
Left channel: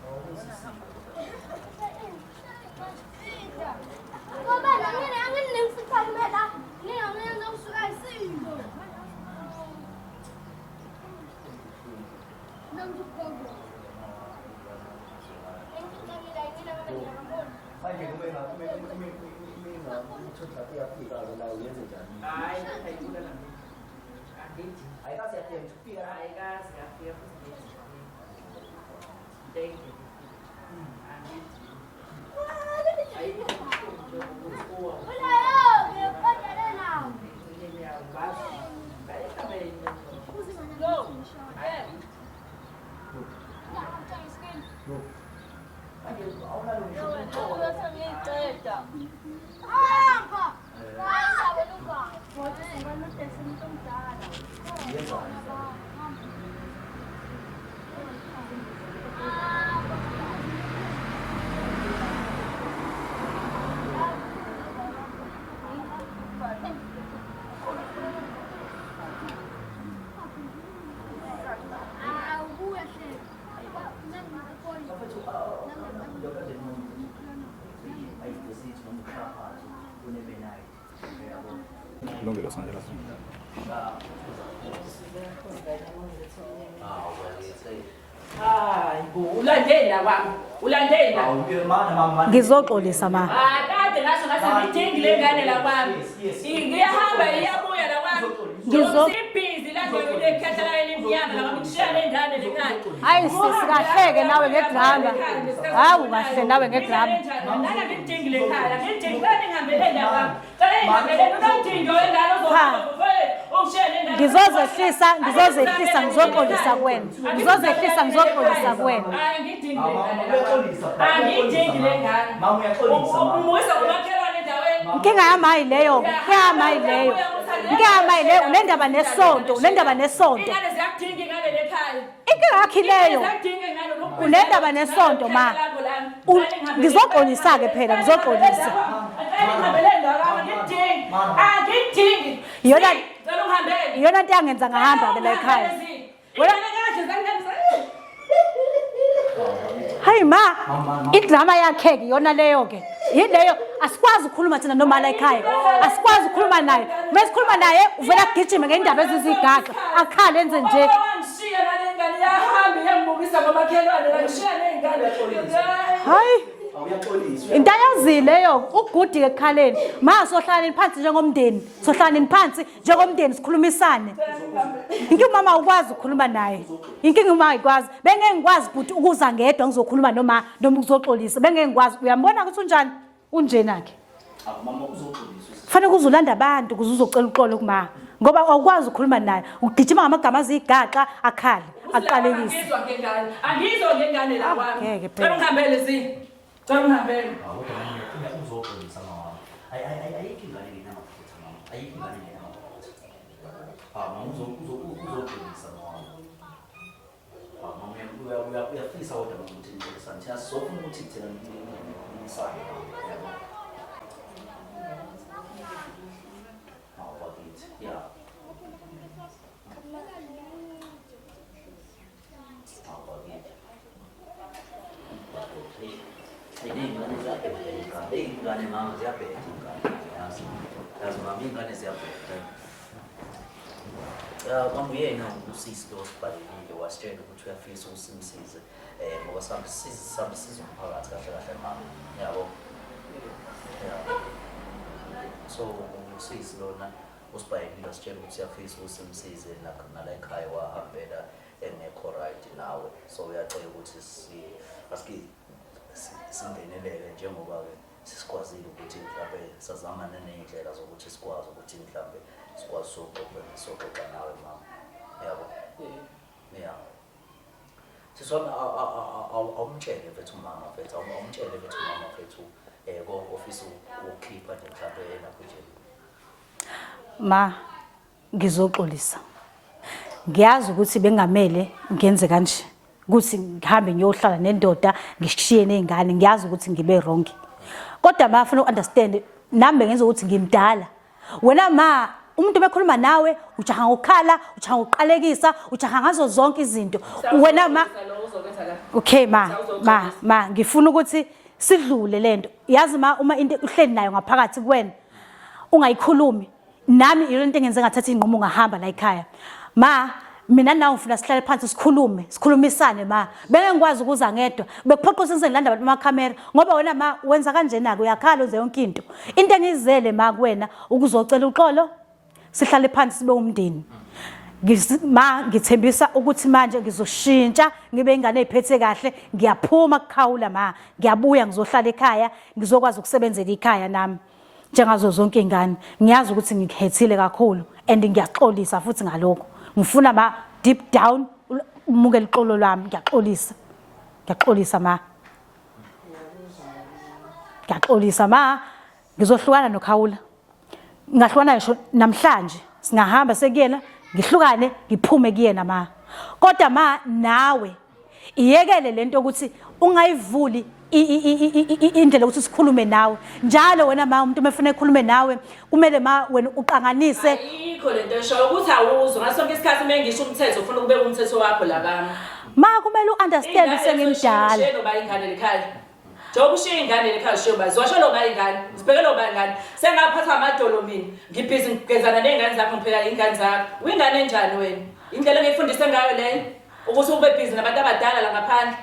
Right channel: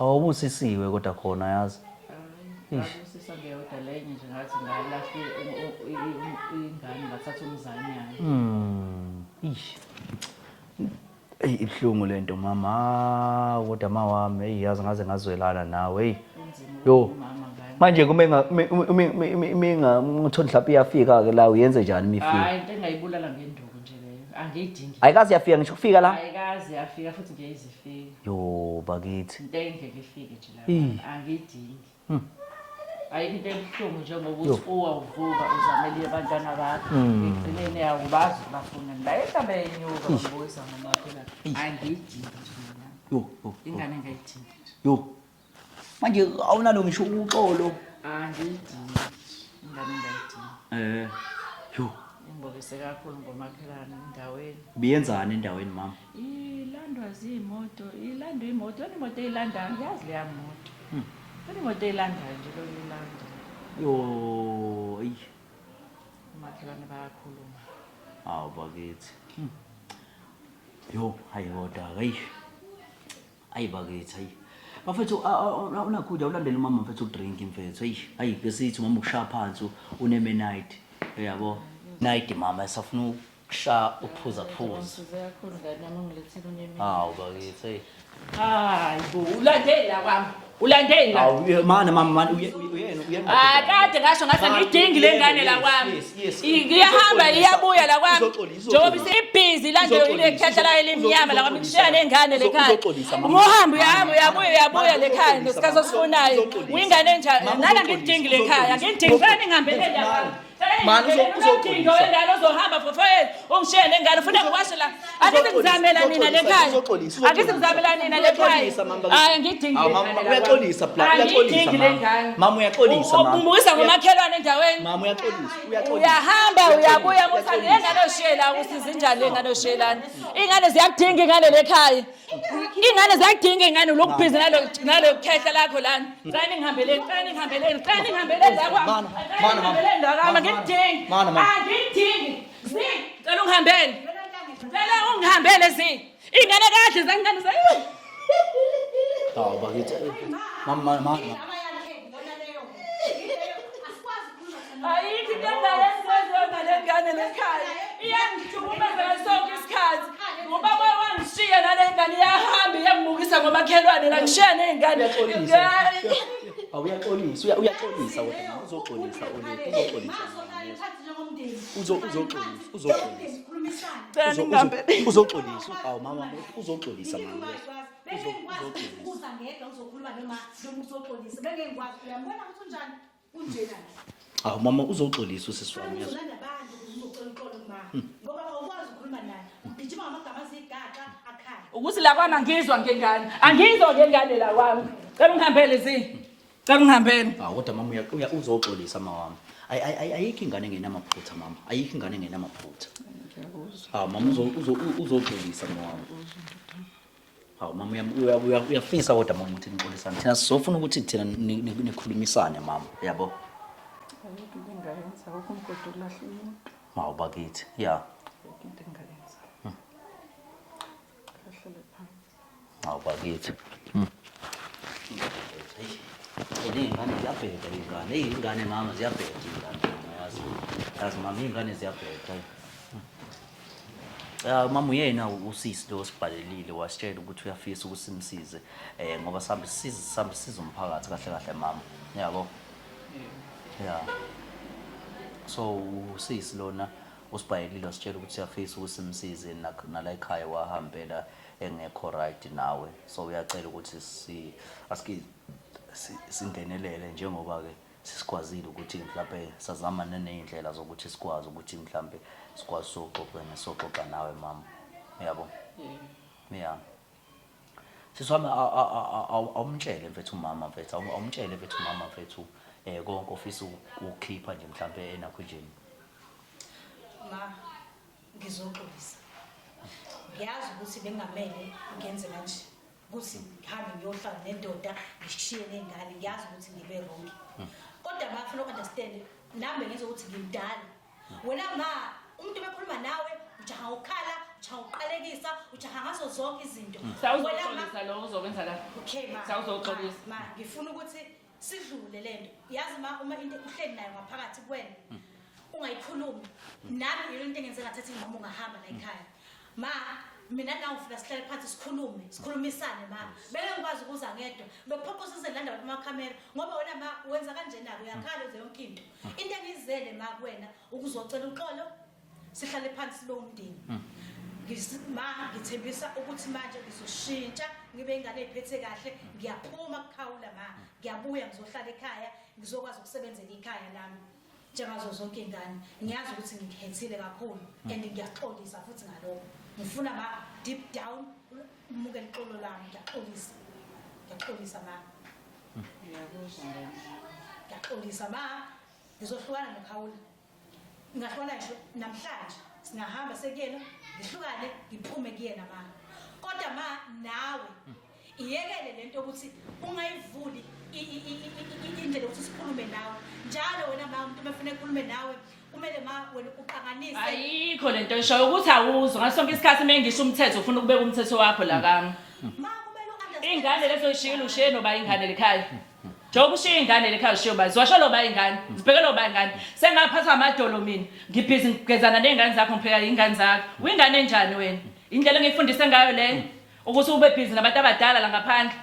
Awubusisiwe kodwa khona yazi. Ish. Ish. Ibhlungu lento mama, kodwa mawami yazi ngaze ngazwelana nawe. Hey. Yo. Manje kumenga ngithola mhlawumbe iyafika ke la uyenze njani imifika? Hayi into engayibulala ngenduku nje leyo. Angiyidingi. Ayikazi yafika ngisho ukufika la? Ayikazi yafika futhi ngiyizifika. Yo bakithi. Into engeke ifike nje. Angiyidingi. Ayikho into ebuhlungu njengokuthi uwuvuka uzamele abantwana bakho. Ekugcineni awubazi abafuna. La ehlamba yenyuka ngokusa. Angiyidingi. Yo. Ingane ngayidingi. Yo. Manje awunalo ngisho uxolo. Yo. Biyenzani endaweni mama? Yo, ayiwoda. Hayi bakithi. Mfethu unakhula ulandela umama mfethu udrink mfethu. Hayi besithi mama ushaya phansi uneme night. Uyabo? Night mama esafuna ukusha uphuza. Bakithi. Hayi bo ulandela kwami. Ulandela. Mana mama. Ngizoxolisa mama. Kade ngasho ngathi ngidingi lengane la kwami. Ngiyahamba iyabuya la kwami. Njengoba ibhizi la nje ile khehla la elimnyama la kwami kushiya lengane lekhaya. Hayi ngohamba Uyabuya lekhaya ngesikhazafunayo. Ingane njani? Nana ngidingi lekhaya. Ngidingi ngane ngihambele la kwami. Udingo wengane ozohamba futhi ungishiye lengane futhi Ngizozehlisa hayi ngidingi mama uyaxolisa plan. Mama uyaxolisa mama. Umuyisa ngomakhelwane endaweni. inkinga yami hayi leyo. Uyahamba uyabuya ngothanda. Nendaba nesonto. Ingane ziyakudinga ingane lekhaya. Inkinga yakhe Ingane leyo. ziyakudinga ingane lokubhizela Nendaba nesonto ma. Ngizoxolisa ke phela ngizoxolisa. Yona Cela ungihambele. iyona nto yangenza ngahamba. Ungihambele zi. Ingane kahle zangane zayo. Hayi ma, idrama yakhe ke yona leyo ke. Yileyo asikwazi ukukhuluma thina noma la ekhaya. Asikwazi ukukhuluma naye. Mesikhuluma naye uvela kugijima ngendaba ezizigaga. Akhale enze nje. Ngishiya la lengane yahamba yangibukisa ngomakhelwane la ngishiya lengane. Hayi. Awuyaxolisa. Into ayazileyo ugudi ekhaleni. Ma sohlaleni phansi njengomndeni. Sohlaleni phansi njengomndeni sikhulumisane. Into mama ukwazi ukukhuluma naye. Inkinga uma ayikwazi. Bengeke ngikwazi ukuthi ukuza ngedwa ngizokhuluma noma ukuzoxolisa. Bengeke ngikwazi. Uyambona ukuthi unjani? Unjena ke. Mama uzoxolisa usisi. Kufanele uzolanda abantu ukuze uzocela uxolo kuma. Ngoba awukwazi ukukhuluma naye. Ugijima ngamagama azigaxa akhali. Ukusilapha angizwa ngengane. Angizwa ngengane la kwami. Cela ungihambele zi. Cela ungihambele. Kodwa mama uzoxolisa mama. Ayikho ingane engenamaphutha mama. Ayikho ingane engenamaphutha. Mama uzophelisa mama. Mama uyafisa kodwa mama ukuthi nixolisane. Thina sizofuna ukuthi thina nikhulumisane mama, yabo. Bakithi, yeah. Bakithi. Ingane mama ziyabheda yazi mama ingane ziyabheda. Mama uyena usisi lo sibhalelile wasitshela ukuthi uyafisa ukusimsize ngoba siza umphakathi kahle kahle mama, yabo. Yeah. So usisi lona usibhalelile wasitshela ukuthi uyafisa ukusimsize nala ekhaya wahambela engekho right nawe, so uyacela ukuthi singenelele njengoba ke sikwazile ukuthi mhlawumbe sazama nezindlela zokuthi sikwazi ukuthi mhlawumbe sikwazi soxoxa nawe mama, yabo. Yeah. Siswami awumtshele mfethu mama mfethu awumtshele mfethu mama mfethu konke ofisa ukukhipha nje mhlawumbe enakhujeni. Ma ngizoxolisa. Ngiyazi ukuthi bengamele ngenze kanje. Ukuthi ngihambe ngiyohlala nendoda ngishiye nezingane, ngiyazi ukuthi ngibe wrong. Kodwa bafuna uunderstand nami ngenza ukuthi ngimdala. Wena ma umuntu bekhuluma nawe ujaha ngokhala, ujaha ngoqalekisa, ujaha ngazo zonke izinto. Wena ma okay ma ngifuna ukuthi sidlule lento. Yazi ma uma into uhleli nayo ngaphakathi kuwena ungayikhulumi. Nami into engenze ngathatha inqomo ngahamba la ekhaya. Ma mina nawe ufuna sihlale phansi sikhulumisane ma. Beke ngikwazi ukuza ngedwa. Bekuphoqa ukuthi ngilanda abantu amakhamera ngoba wena ma wenza kanjena ke uyakhala uze yonke into. Into engizele ma kuwena ukuzocela uxolo sihlale phansi sibe umndeni. Ma ngithembisa ukuthi manje ngizoshintsha ngibe ingane eziphethe kahle, ngiyaphuma kukhawula ma. Ngiyabuya ngizohlala ekhaya, ngizokwazi ukusebenzela ekhaya nami. Njengazo zonke ingane ngiyazi ukuthi ngihethile kakhulu and ngiyaxolisa futhi ngalokho. Ngifuna ma deep down umukele ixolo lami, ngiyaxolisa ma. Ngiyaxolisa ma, ngizohlukana noKhawula. Ngahlukana ngisho namhlanje, singahamba sekuyena, ngihlukane, ngiphume kuyena ma. Kodwa ma nawe iyekele lento ukuthi ungayivuli indlela ukuthi sikhulume nawe. Njalo wena ma umuntu mefuna ekhulume nawe kumele ma wena uqanganise. Ayikho lento esho ukuthi awuzwa ngasonke isikhathi mengisho umthetho ufuna ukubeka umthetho wakho la kami. Ma kumele uunderstand sengimdala. Ushiye noba ingane lekhaya. Njengoba ushiye ingane lekhaya ushiye ba zwasho noba ingane. Sibheke noba ingane. Sengaphatha amadolo mina. Ngibhizi ngigezana nezingane zakho ngipheka ingane zakho. Uyingane enjani wena? Indlela engifundise ngayo leyo ukuthi ube busy nabantu abadala la ngaphandle.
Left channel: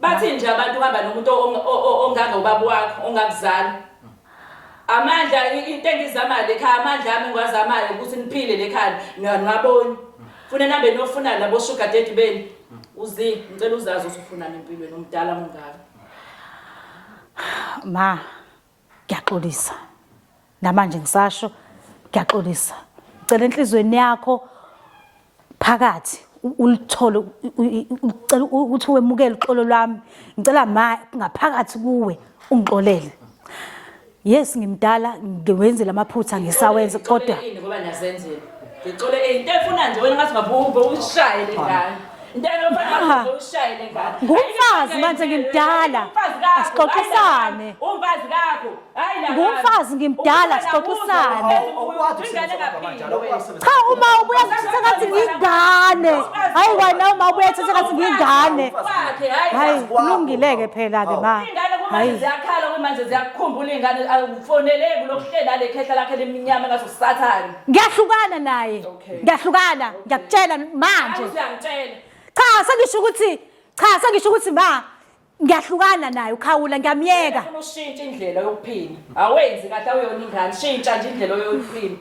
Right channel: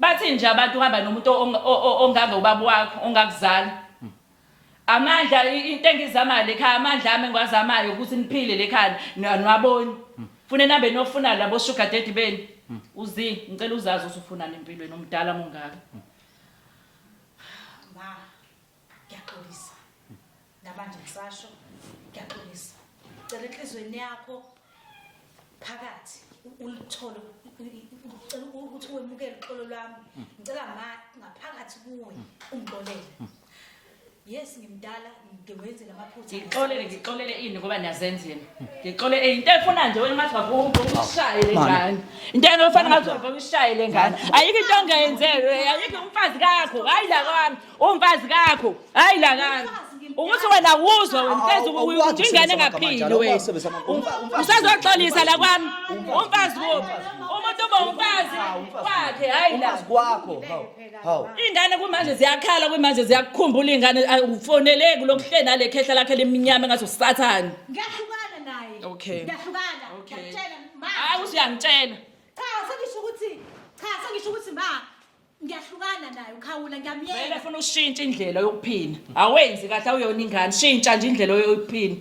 Bathi nje abantu uhamba nomuntu onganga ubaba wakho ongakuzala. Amandla into engizama lekhaya amandla ami ngwazamayo ukuthi niphile lekhaya nwaboni. Fune nambe nofuna labo sugar daddy beni. Uzi ngicela uzazi usufuna empilweni umdala mongaka. Ma ngiyaxolisa. Namanje ngisasho ngiyaxolisa. Ngicela enhlizweni yakho phakathi ulithole ucela ukuthi wemukele uxolo lwami. Ngicela ma ngaphakathi kuwe ungixolele. Yes ngimdala ngiwenze lamaphutha ngisawenze kodwa ngoba nazenzela. Ngixole into efuna nje wena ngathi ngabuka uyishaye lengane. Into engofana ngathi uyishaye lengane. Ayike manje ngimdala. Umfazi kakho, Xoxisane. Umfazi kakho. Hayi la ngane. Umfazi ngimdala. Wena uzwa ingane engaphili wena. Cha uma ubuya usazoxolisa la kwami. Hayi wena uma ubuya thatha ngingane. Wakhe hayi Hayi kulungileke phela ke ma. Ingane kumanje ziyakhala kumanje ziyakukhumbula ingane ufoneleke lokuhleli nale khehla lakhe leminyama engathi usathana. Ngiyahlukana naye. Ngiyahlukana ngiyakutshela manje. Uyangitshela. Sengisho ukuthi ma ngiyahlukana naye uKhawula ngiyamyeka. Ufuna ushintsha indlela yokuphila. Awenzi kahle awuyona ingane, shintsha nje indlela yokuphila.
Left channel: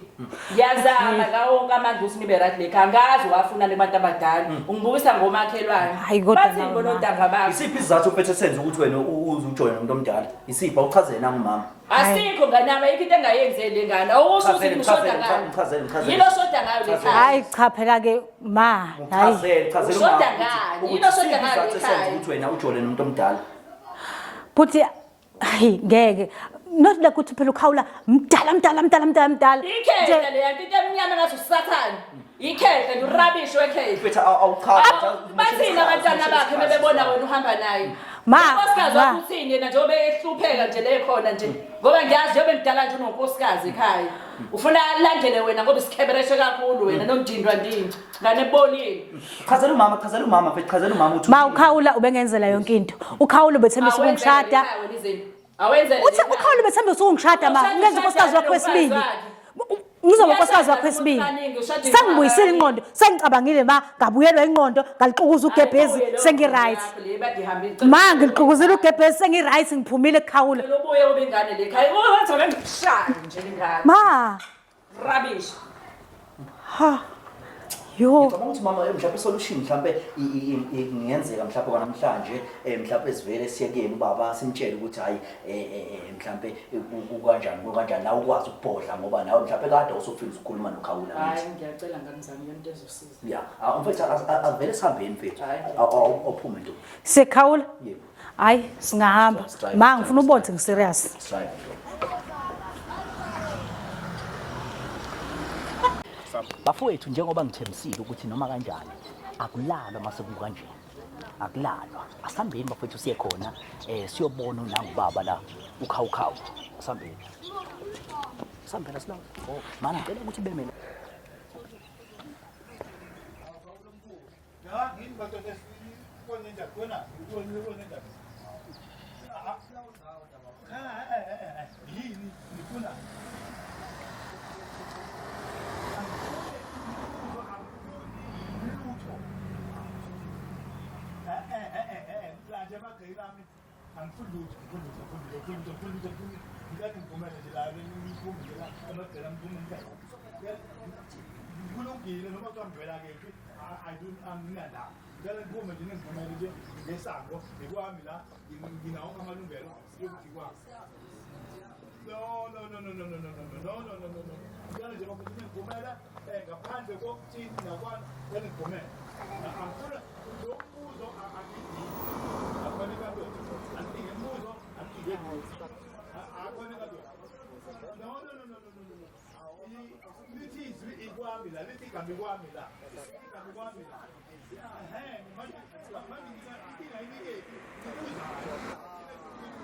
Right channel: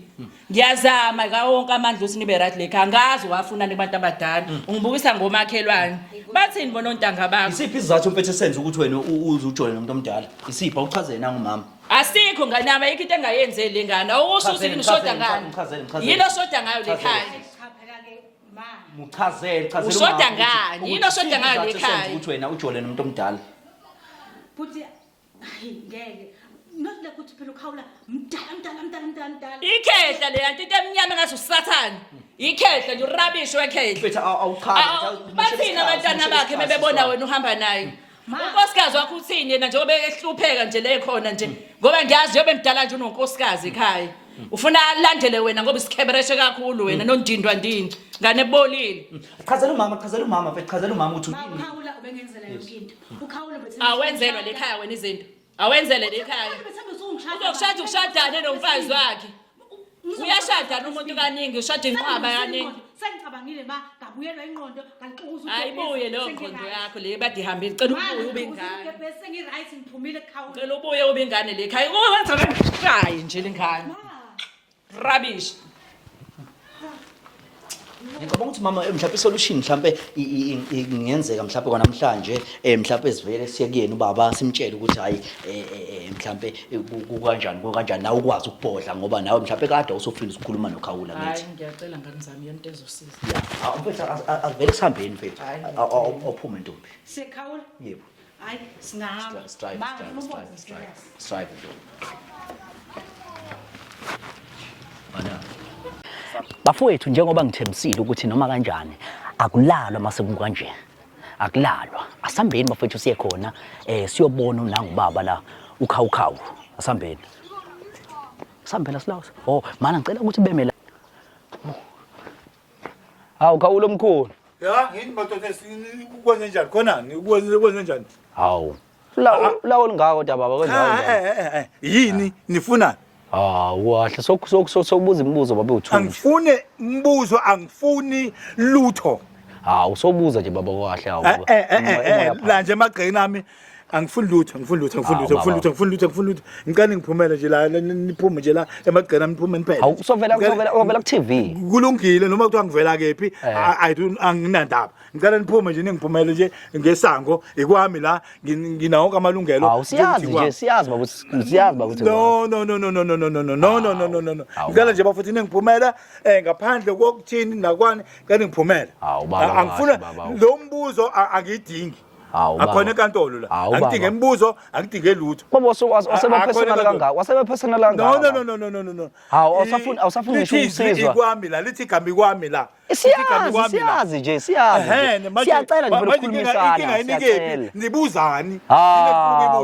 Ngiyazama ngawo wonke amandla ukuthi nibe right lekhaya. Angazi wafuna nabantu abadala. Ungibukisa ngomakhelwane. Bathini ngonontanga bakho? Isiphi isizathu mfethu senze ukuthi wena uze ujoyine nomuntu omdala? Isiphi awuchazele nami ngumama? Asikho nganama ayikho into engayenzeli lengane. Awusho ukuthi ngishoda ngayo. Yilo shoda ngayo lekhaya. Hayi cha phela ke ma. Uchazele Ushoda ngani? Yilo shoda ngayo lekhaya. Ukuthi wena ujoyine nomuntu omdala. Futhi hayi ngeke not like uthi phela ukhawula mdala Ikhehla le yanto into emnyama ngathi usathana. Ikhehla nje urabishi wekhehla. Mfethu awuchaza. Bathina abantwana bakhe bebebona wena uhamba naye. Ma, Unkosikazi ma. wakuthini yena njengoba ehlupheka nje le khona nje. Ngoba ngiyazi njengoba ngidala nje unonkosikazi ekhaya. Ufuna alandele wena ngoba isikhebereshe kakhulu wena nondindwa ndini. Ngane ebolile. Chazela umama mfethu chazela umama uthi. Ma ukhawula ubengenzela yonke into. Ukhawula ubethembisa Awenzele ukungishada. ekhaya wena izinto. Awenzele le Uthi ukhawula ubethembisa ukungishada ma. Ushada Ngenza unkosikazi wakho wesibili. wakhe. Ngizoba unkosikazi wakho wesibili. Sengibuyisile ingqondo, sengicabangile ma, ngabuyelwa ingqondo, ngalixukuza ugebhezi, sengi-right. Ma ngilixukuzile ugebhezi, sengi-right ngiphumile ekhawula. Lo buye ube ingane le ekhaya. Ngoba ngishaye nje lengane. Ma, Rubbish. ha. Yo. Ngicabanga ukuthi mama mhlawumbe isolution mhlawumbe ingenzeka mhlawumbe kwanamhlanje mhlawumbe sivele siye kuyena ubaba simtshele ukuthi hayi mhlawumbe kanjani nawe ukwazi ukubhodla ngoba nawe mhlawumbe kade usufika ukukhuluma nokhawula Hayi ngiyacela ngamzami yento ezosiza. yeah mfethu avele sihambeni mfethu awuphume nto Sekhawula? yebo Hayi, singahamba. Ma ngifuna ubothe ngiserious. strive bafowethu njengoba ngithembisile ukuthi noma kanjani akulalwa mase kukanje akulalwa asambeni bafowethu siye khona siyobona unangubaba la ukhawukhawu asambeni silawo oh mana ngicela ukuthi beme la hawu khawulo omkhulu ya ngithi madoda ukwenze njani khonani ukwenze njani hawu lawo lingaka kodwa baba kwenza yini nifuna wahle sokubuza imibuzo babe uthu angifune umbuzo angifuni lutho hawu sobuza nje baba kwahle hawu la nje emagqeni ami angifuni lutho ngicela ngiphumele nje la niphume nje la emagqeni ami niphume niphele hawu sovela ku TV kulungile noma kuthiwa ngivela kephi anginandaba ngicela niphume nje ningiphumele nje ngesango ikwami la nginawo konke amalungelo hawu siyazi baba ukuthi no ngicela nje bafuthi ningiphumela ngaphandle kokuthini nakwani ngicela ngiphumele angifuna lo mbuzo angidingi akhona enkantolo la angidinge imibuzo angidinge lutho baba wasebapersonal kangaka wasebapersonal kangaka no hawu awusafuni ngisho ukusizwa ikwami la lithi igama ikwami la siyazi nje siyacela nje ukukhulumisana nibuzani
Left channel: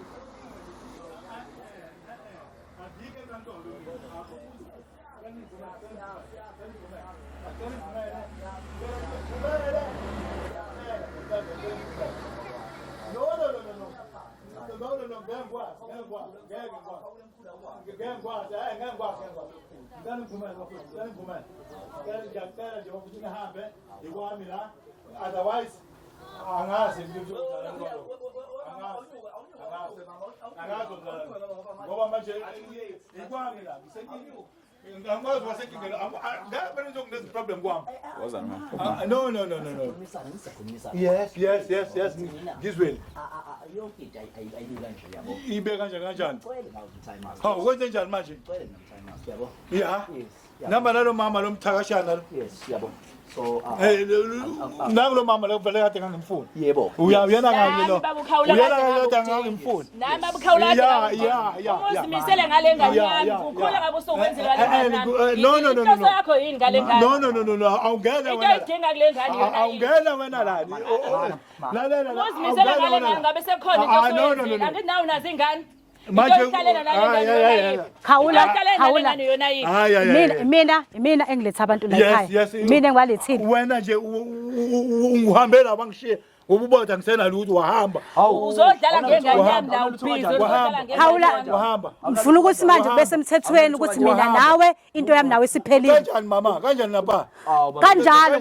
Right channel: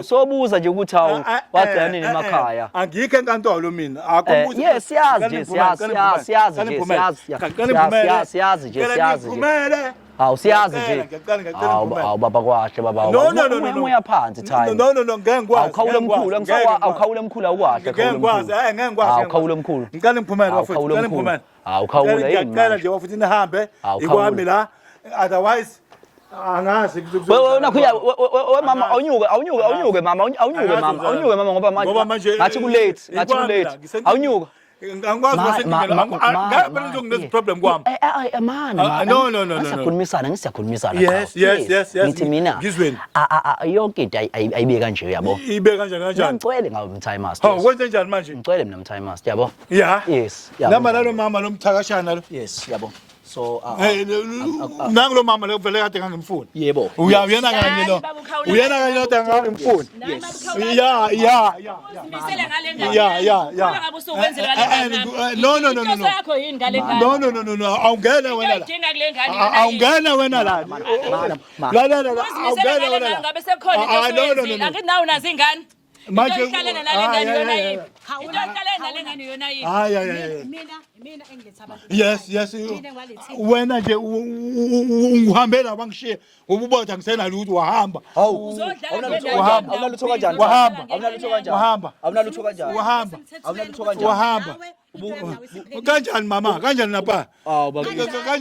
sobuza nje ukuthi hawu wagcina nini emakhaya angikho enkantolo mina yes siyazi nje hawu siyazi nje hawu baba kwahle baba no uyaphansi time no ngeke ngikwazi awukhawule mkhulu awukhawule mkhulu awukwahle ngeke ngikwazi awukhawule mkhulu ngicela ngiphumele bafethu ngicela ngiphumele awukhawule yini ngicela nje bafuthi nihambe ikwami la otherwise angazi nakhuya we mama awunyuke mama ngoba manje ngathi ku late awunyuka angikwazi ngeke ngine problem kwami no ngisiyakhulumisana yes ngithi mina yonke into ayibe kanje uyabo ibe kanjani ngicwele ngawe mtime master hawu kwenze njani manje ngicwele mina mtime master yabo yes namba lalo mama lo mthakashana lo yes yabo so nangulo mama lo vele kade ngangimfuni yebo uyana kanye lo kade ngangimfuni ya Uzimisele ngale ngane. Ukhona ngabe usukwenzile ngale ngane. no yakho yini ngale ngane? no awungena wena Idinga kule ngane yona. awungena wena la la Uzimisele ngale ngane ngabe sekukhona into oyenzile. Angithi nawe unazo ingane. manje khawula mina engiletha abantu la ekhaya mina engwalethini wena nje ungihambela bangishiye ububotha ngisena lutho wahamba uzodlala ngengane wahamba ngifuna ukuthi manje bese emthethweni ukuthi mina nawe into yami nawe siphelile kanjani mama kanjani lapha kanjalo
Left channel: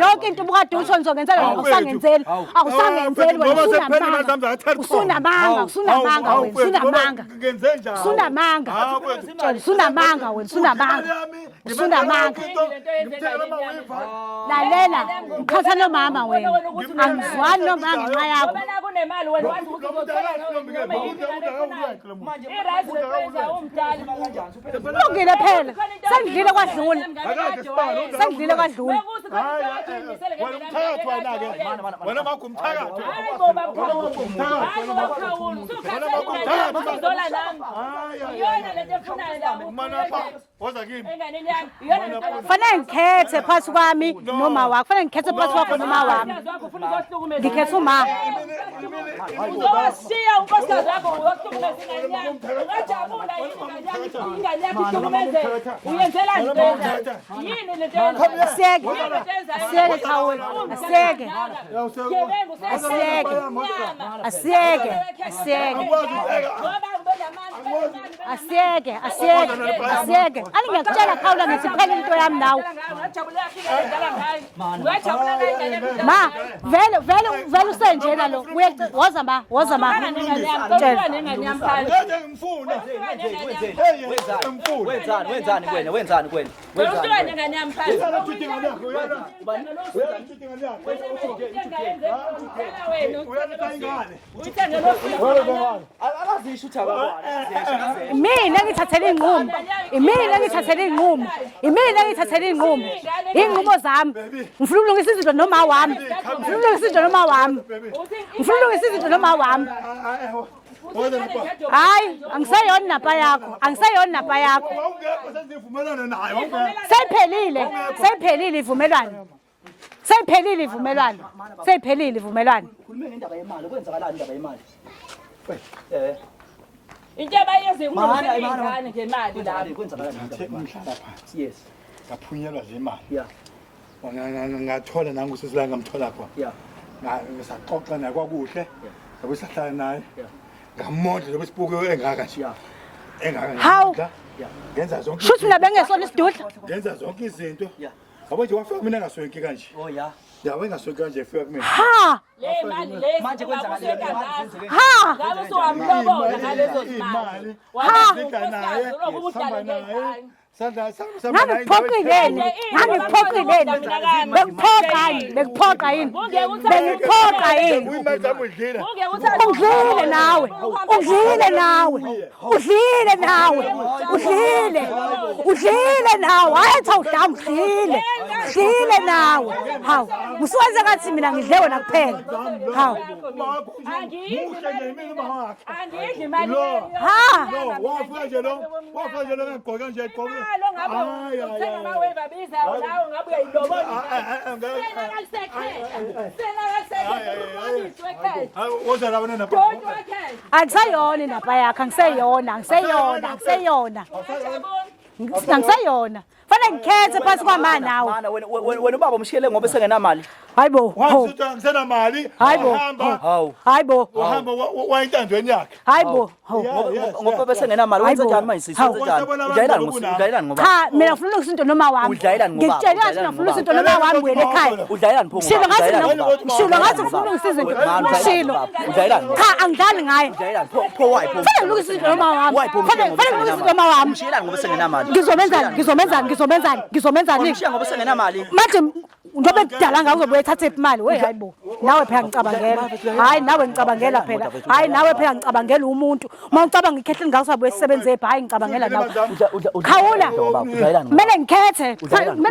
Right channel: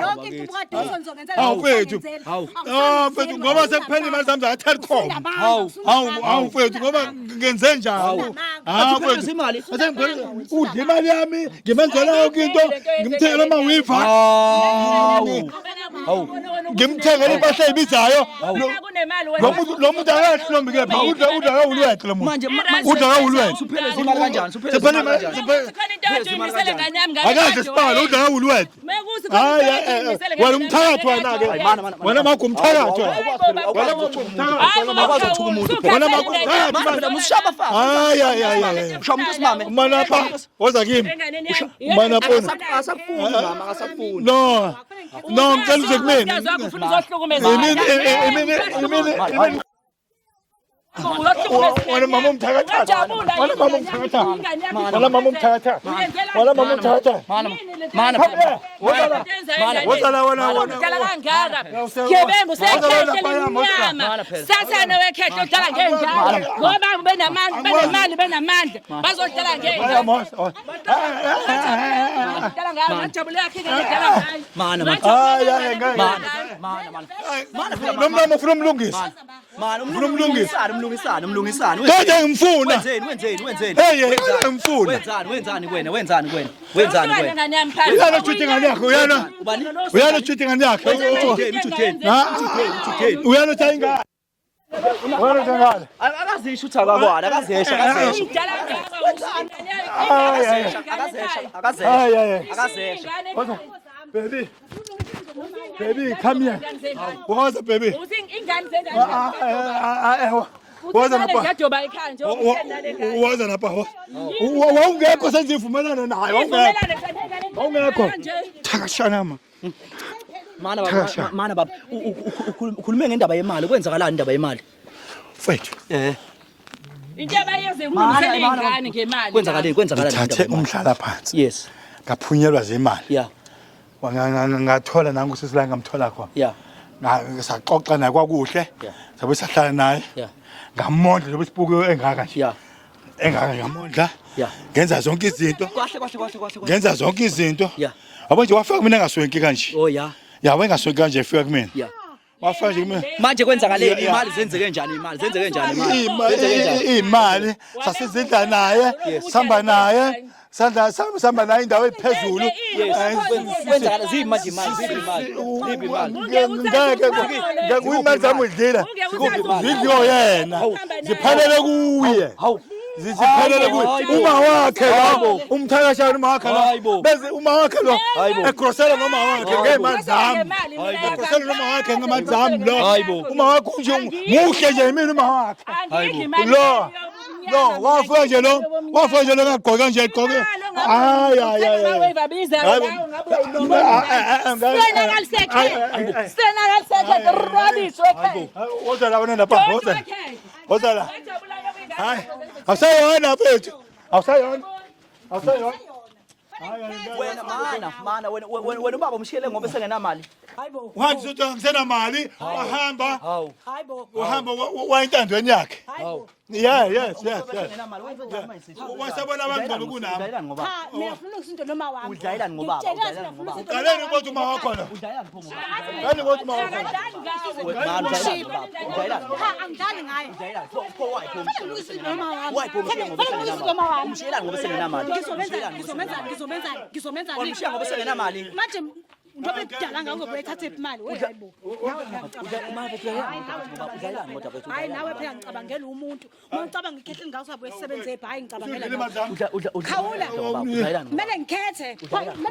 yonke into ubukade utho ngizongenzela awusangenzeli ngoba sepheli mazami zakathatha unamanga ngenze njani sunamanga imali yami ngimenzela yonke into ngimthengela amawifa khathana mama wena ngimthengela impahla ebizayo kunemali lo muntu akahlombi ke pha udla ulwethu lo muntu udla ulwethu Suphele zimali kanjani? Suphele siphele akaze sibala udla ulwethu wena umthakathi wena ke wena makho umthakathi wena makho umthakathi mana pha woza kimi mana pha Kufanele ngikhethe phakathi kwami noma wakho. Kufanele ngikhethe phakathi wena mama umthakathi wena mama umthakathi wena mama umthakathi wena mama umthakathi Ngeke ngimfuna wenzani uyana chuthi ngane yakho uyana chuthi ngane yakho uyana thayingane wena ngane akazisho ukuthi akakwana akazesha Mina ngithathele inqumo. Mina ngithathele inqumo. Mina ngithathele inqumo. Inqumo zami. Ngifuna ukulungisa izinto noma wami. Ngifuna ukulungisa izinto noma wami. Ngifuna ukulungisa izinto noma wami. Waza lapha Hayi, angisayona napha yakho. Angisayona napha yakho. Wawungekho senzivumelana naye wawungekho Sephelile ivumelwano. Sephelile ivumelwano. Sephelile ivumelwano. ukhulume ngendaba yemali kwenzakalani indaba yemali mfethu into abayenza ukukhulisa ingane ngemali kwenzakalani thathe umhlala phansi yes ngaphunyelwa zemali yeah ngathola nangu sesilanga ngamthola khona yeah saxoxa naye kwakuhle sabe sahlala naye yeah ngamondla lobe sibuke engaka nje yeah engaka yeah ngenza zonke Futhi izinto nabengesona isidudla. ngenza zonke izinto yeah yabo nje wafika mina ngaswenki kanje oh yeah yawe ngaswenki kanje efika kumina Ha. wafika nje kumina manje kwenzakaleni imali zenzeke njani imali sasizidla naye samba naye samba naye indawo ephezulu imali zami udlila udliwe yena kufanele kuye Udlile nawe. uma wakhe lapho Udlile nawe. uma wakhe lo ekhosela uma wakhe ngemali zami Usenza ngathi mina ngihewe ngemali zami lo uma wakhe nje muhle nje mina uma wakhe lo wafika nje lo ngagqoka nje egqoke Angisayona indaba yakho, angisayona. Angisayona. Fanele ngikhethe phakathi kwamani nawe. mana wena ubaba umshiyele ngoba esengenamali Hayibo. ngisena mali Hayibo. uhamba wayintandweni yakhe Hayibo. ngoba besengenamali wenza njani manje udlayelani ngoba Cha, mina ngifuna ukulungisa into noma wami. Ngikutshela ngathi ngifuna ukulungisa into noma wami wena ekhaya. udlayelani pho Shilo ngathi ngifuna ukulungisa izinto. Shilo. Cha, angidlali ngayo. udlayelani pho why pho Fanele ngilungisa izinto noma wami. Fanele ngilungisa izinto noma wami. umshiyelani ngoba esengenamali Ngizomenzani? umshiya ngoba esengenamali Manje njobe kudala ngakuzobuye ethathe imali we hayibo nawe phela ngicabangela hayi nawe ngicabangela phela hayi nawe phela ngicabangela umuntu uma ngicabanga ikhehle ngakusabuye sisebenze ebha hayi ngicabangela nawe khawula kumele ngikhethe udlayelani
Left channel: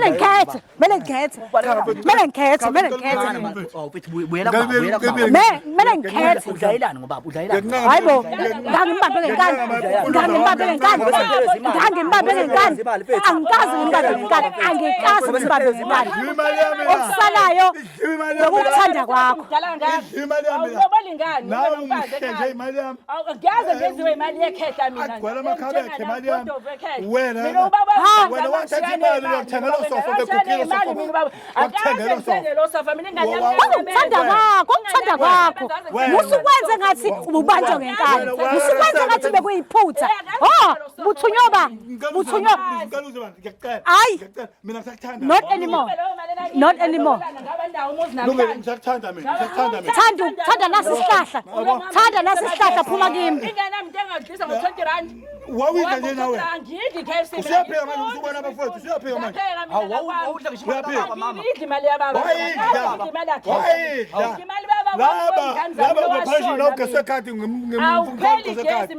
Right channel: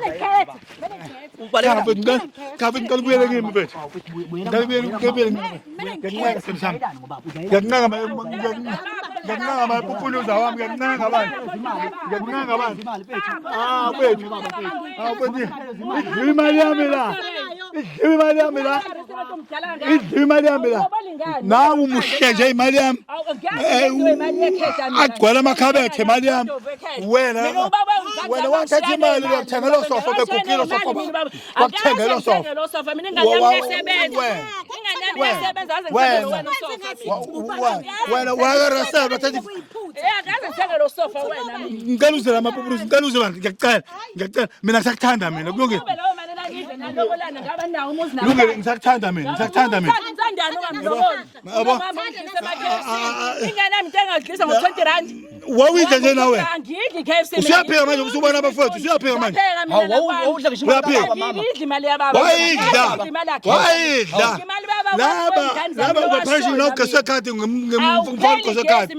ngoba udlayelani hayibo ngimbambele ngikazi imali yami la okusalayo imali yami la ukuthanda kwakho imali yami la nawe umuhle nje imali yami agcwala amakhabethe imali yami wena wathatha imali uyakuthengela sofa bekukilo sofa wakuthengela sofa ukuthanda kwakho usukwenze ngathi ubanjwe ngenkani usukwenze ngathi bekuyiphutha uthunywa ngicela uze bani ngiyacela mina ngisakuthanda mina not anymore kulungile ngisakuthanda mina thanda nasisihlahla phuma kimi ingane yami into engadlisa ngo-20 rand wawidla nje nawe angidli KFC usuyaphika manje usubona abafowethu usuyaphika manje awudla ngisho ngidla imali yababa wayidla imali laba ngaphandle lokho sekhadi ngimfaka sekhadi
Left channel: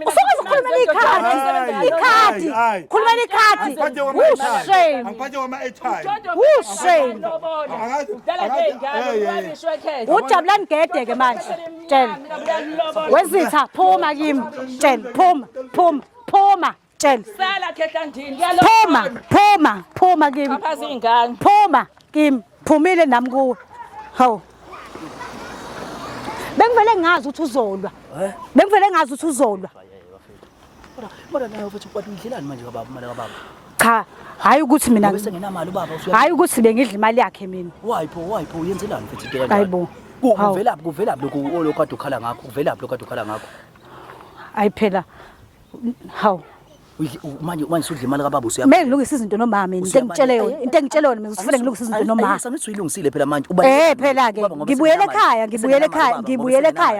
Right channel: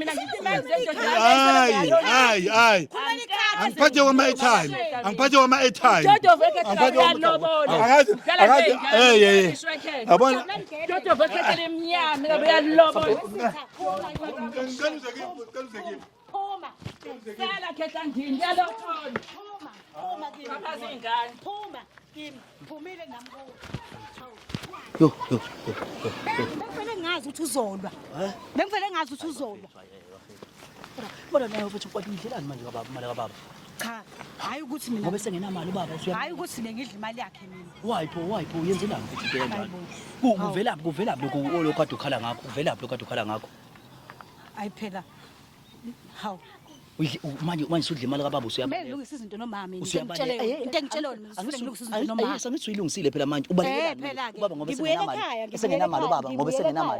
hayi khuluma ikhadi angiphathe wama-airtime angiphathe wama-airtime ujabulani gede-ke manje tshela wezitha phuma kimi tshela phuma tshela phuma kimi phuma kimi phumile nami kuwe hawu bengivele ngazi ukuthi uzolwa bengivele ngazi ukuthi uzolwa Kodwa nayo futhi ukwatha indlelani manje kababa imali kababa. cha hayi ukuthi mina Sengenamali ubaba hayi ukuthi bengidla imali yakhe mina wayipho uyenzelani futhi bheka. hayibo Kuvelaphi lokho kade ukhala ngakho kuvelaphi lokho kade ukhala ngakho. hayi phela hawu Manje usudla imali kababa kumele ngilungise izinto noma mina into engitshele yona mina usifune ngilungise izinto noma Sengiyilungisile phela manje phela ke ngibuyele ekhaya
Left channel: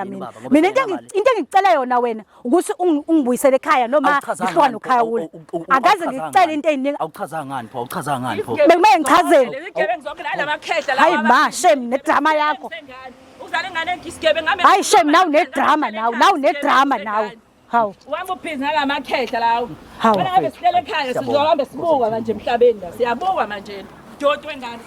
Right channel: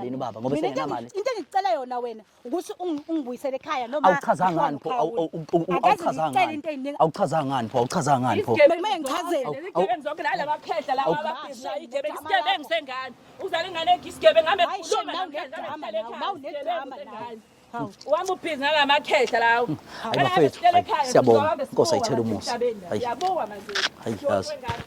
mina into engicela yona wena ukuthi ungibuyisele ekhaya noma uhlwana ukhawula akaze ngicela into eziningi awuchazanga ngani pho bekumele ngichazele hayi ma shame nedrama yakho uzale ngane ngisigebengu hayi shame nawu nedrama nawu hawu uhamba ubhizi ngalamakhehla lawo hawu sicela ekhaya sizohamba sibuka manje emhlabeni siyabonga manje John wengane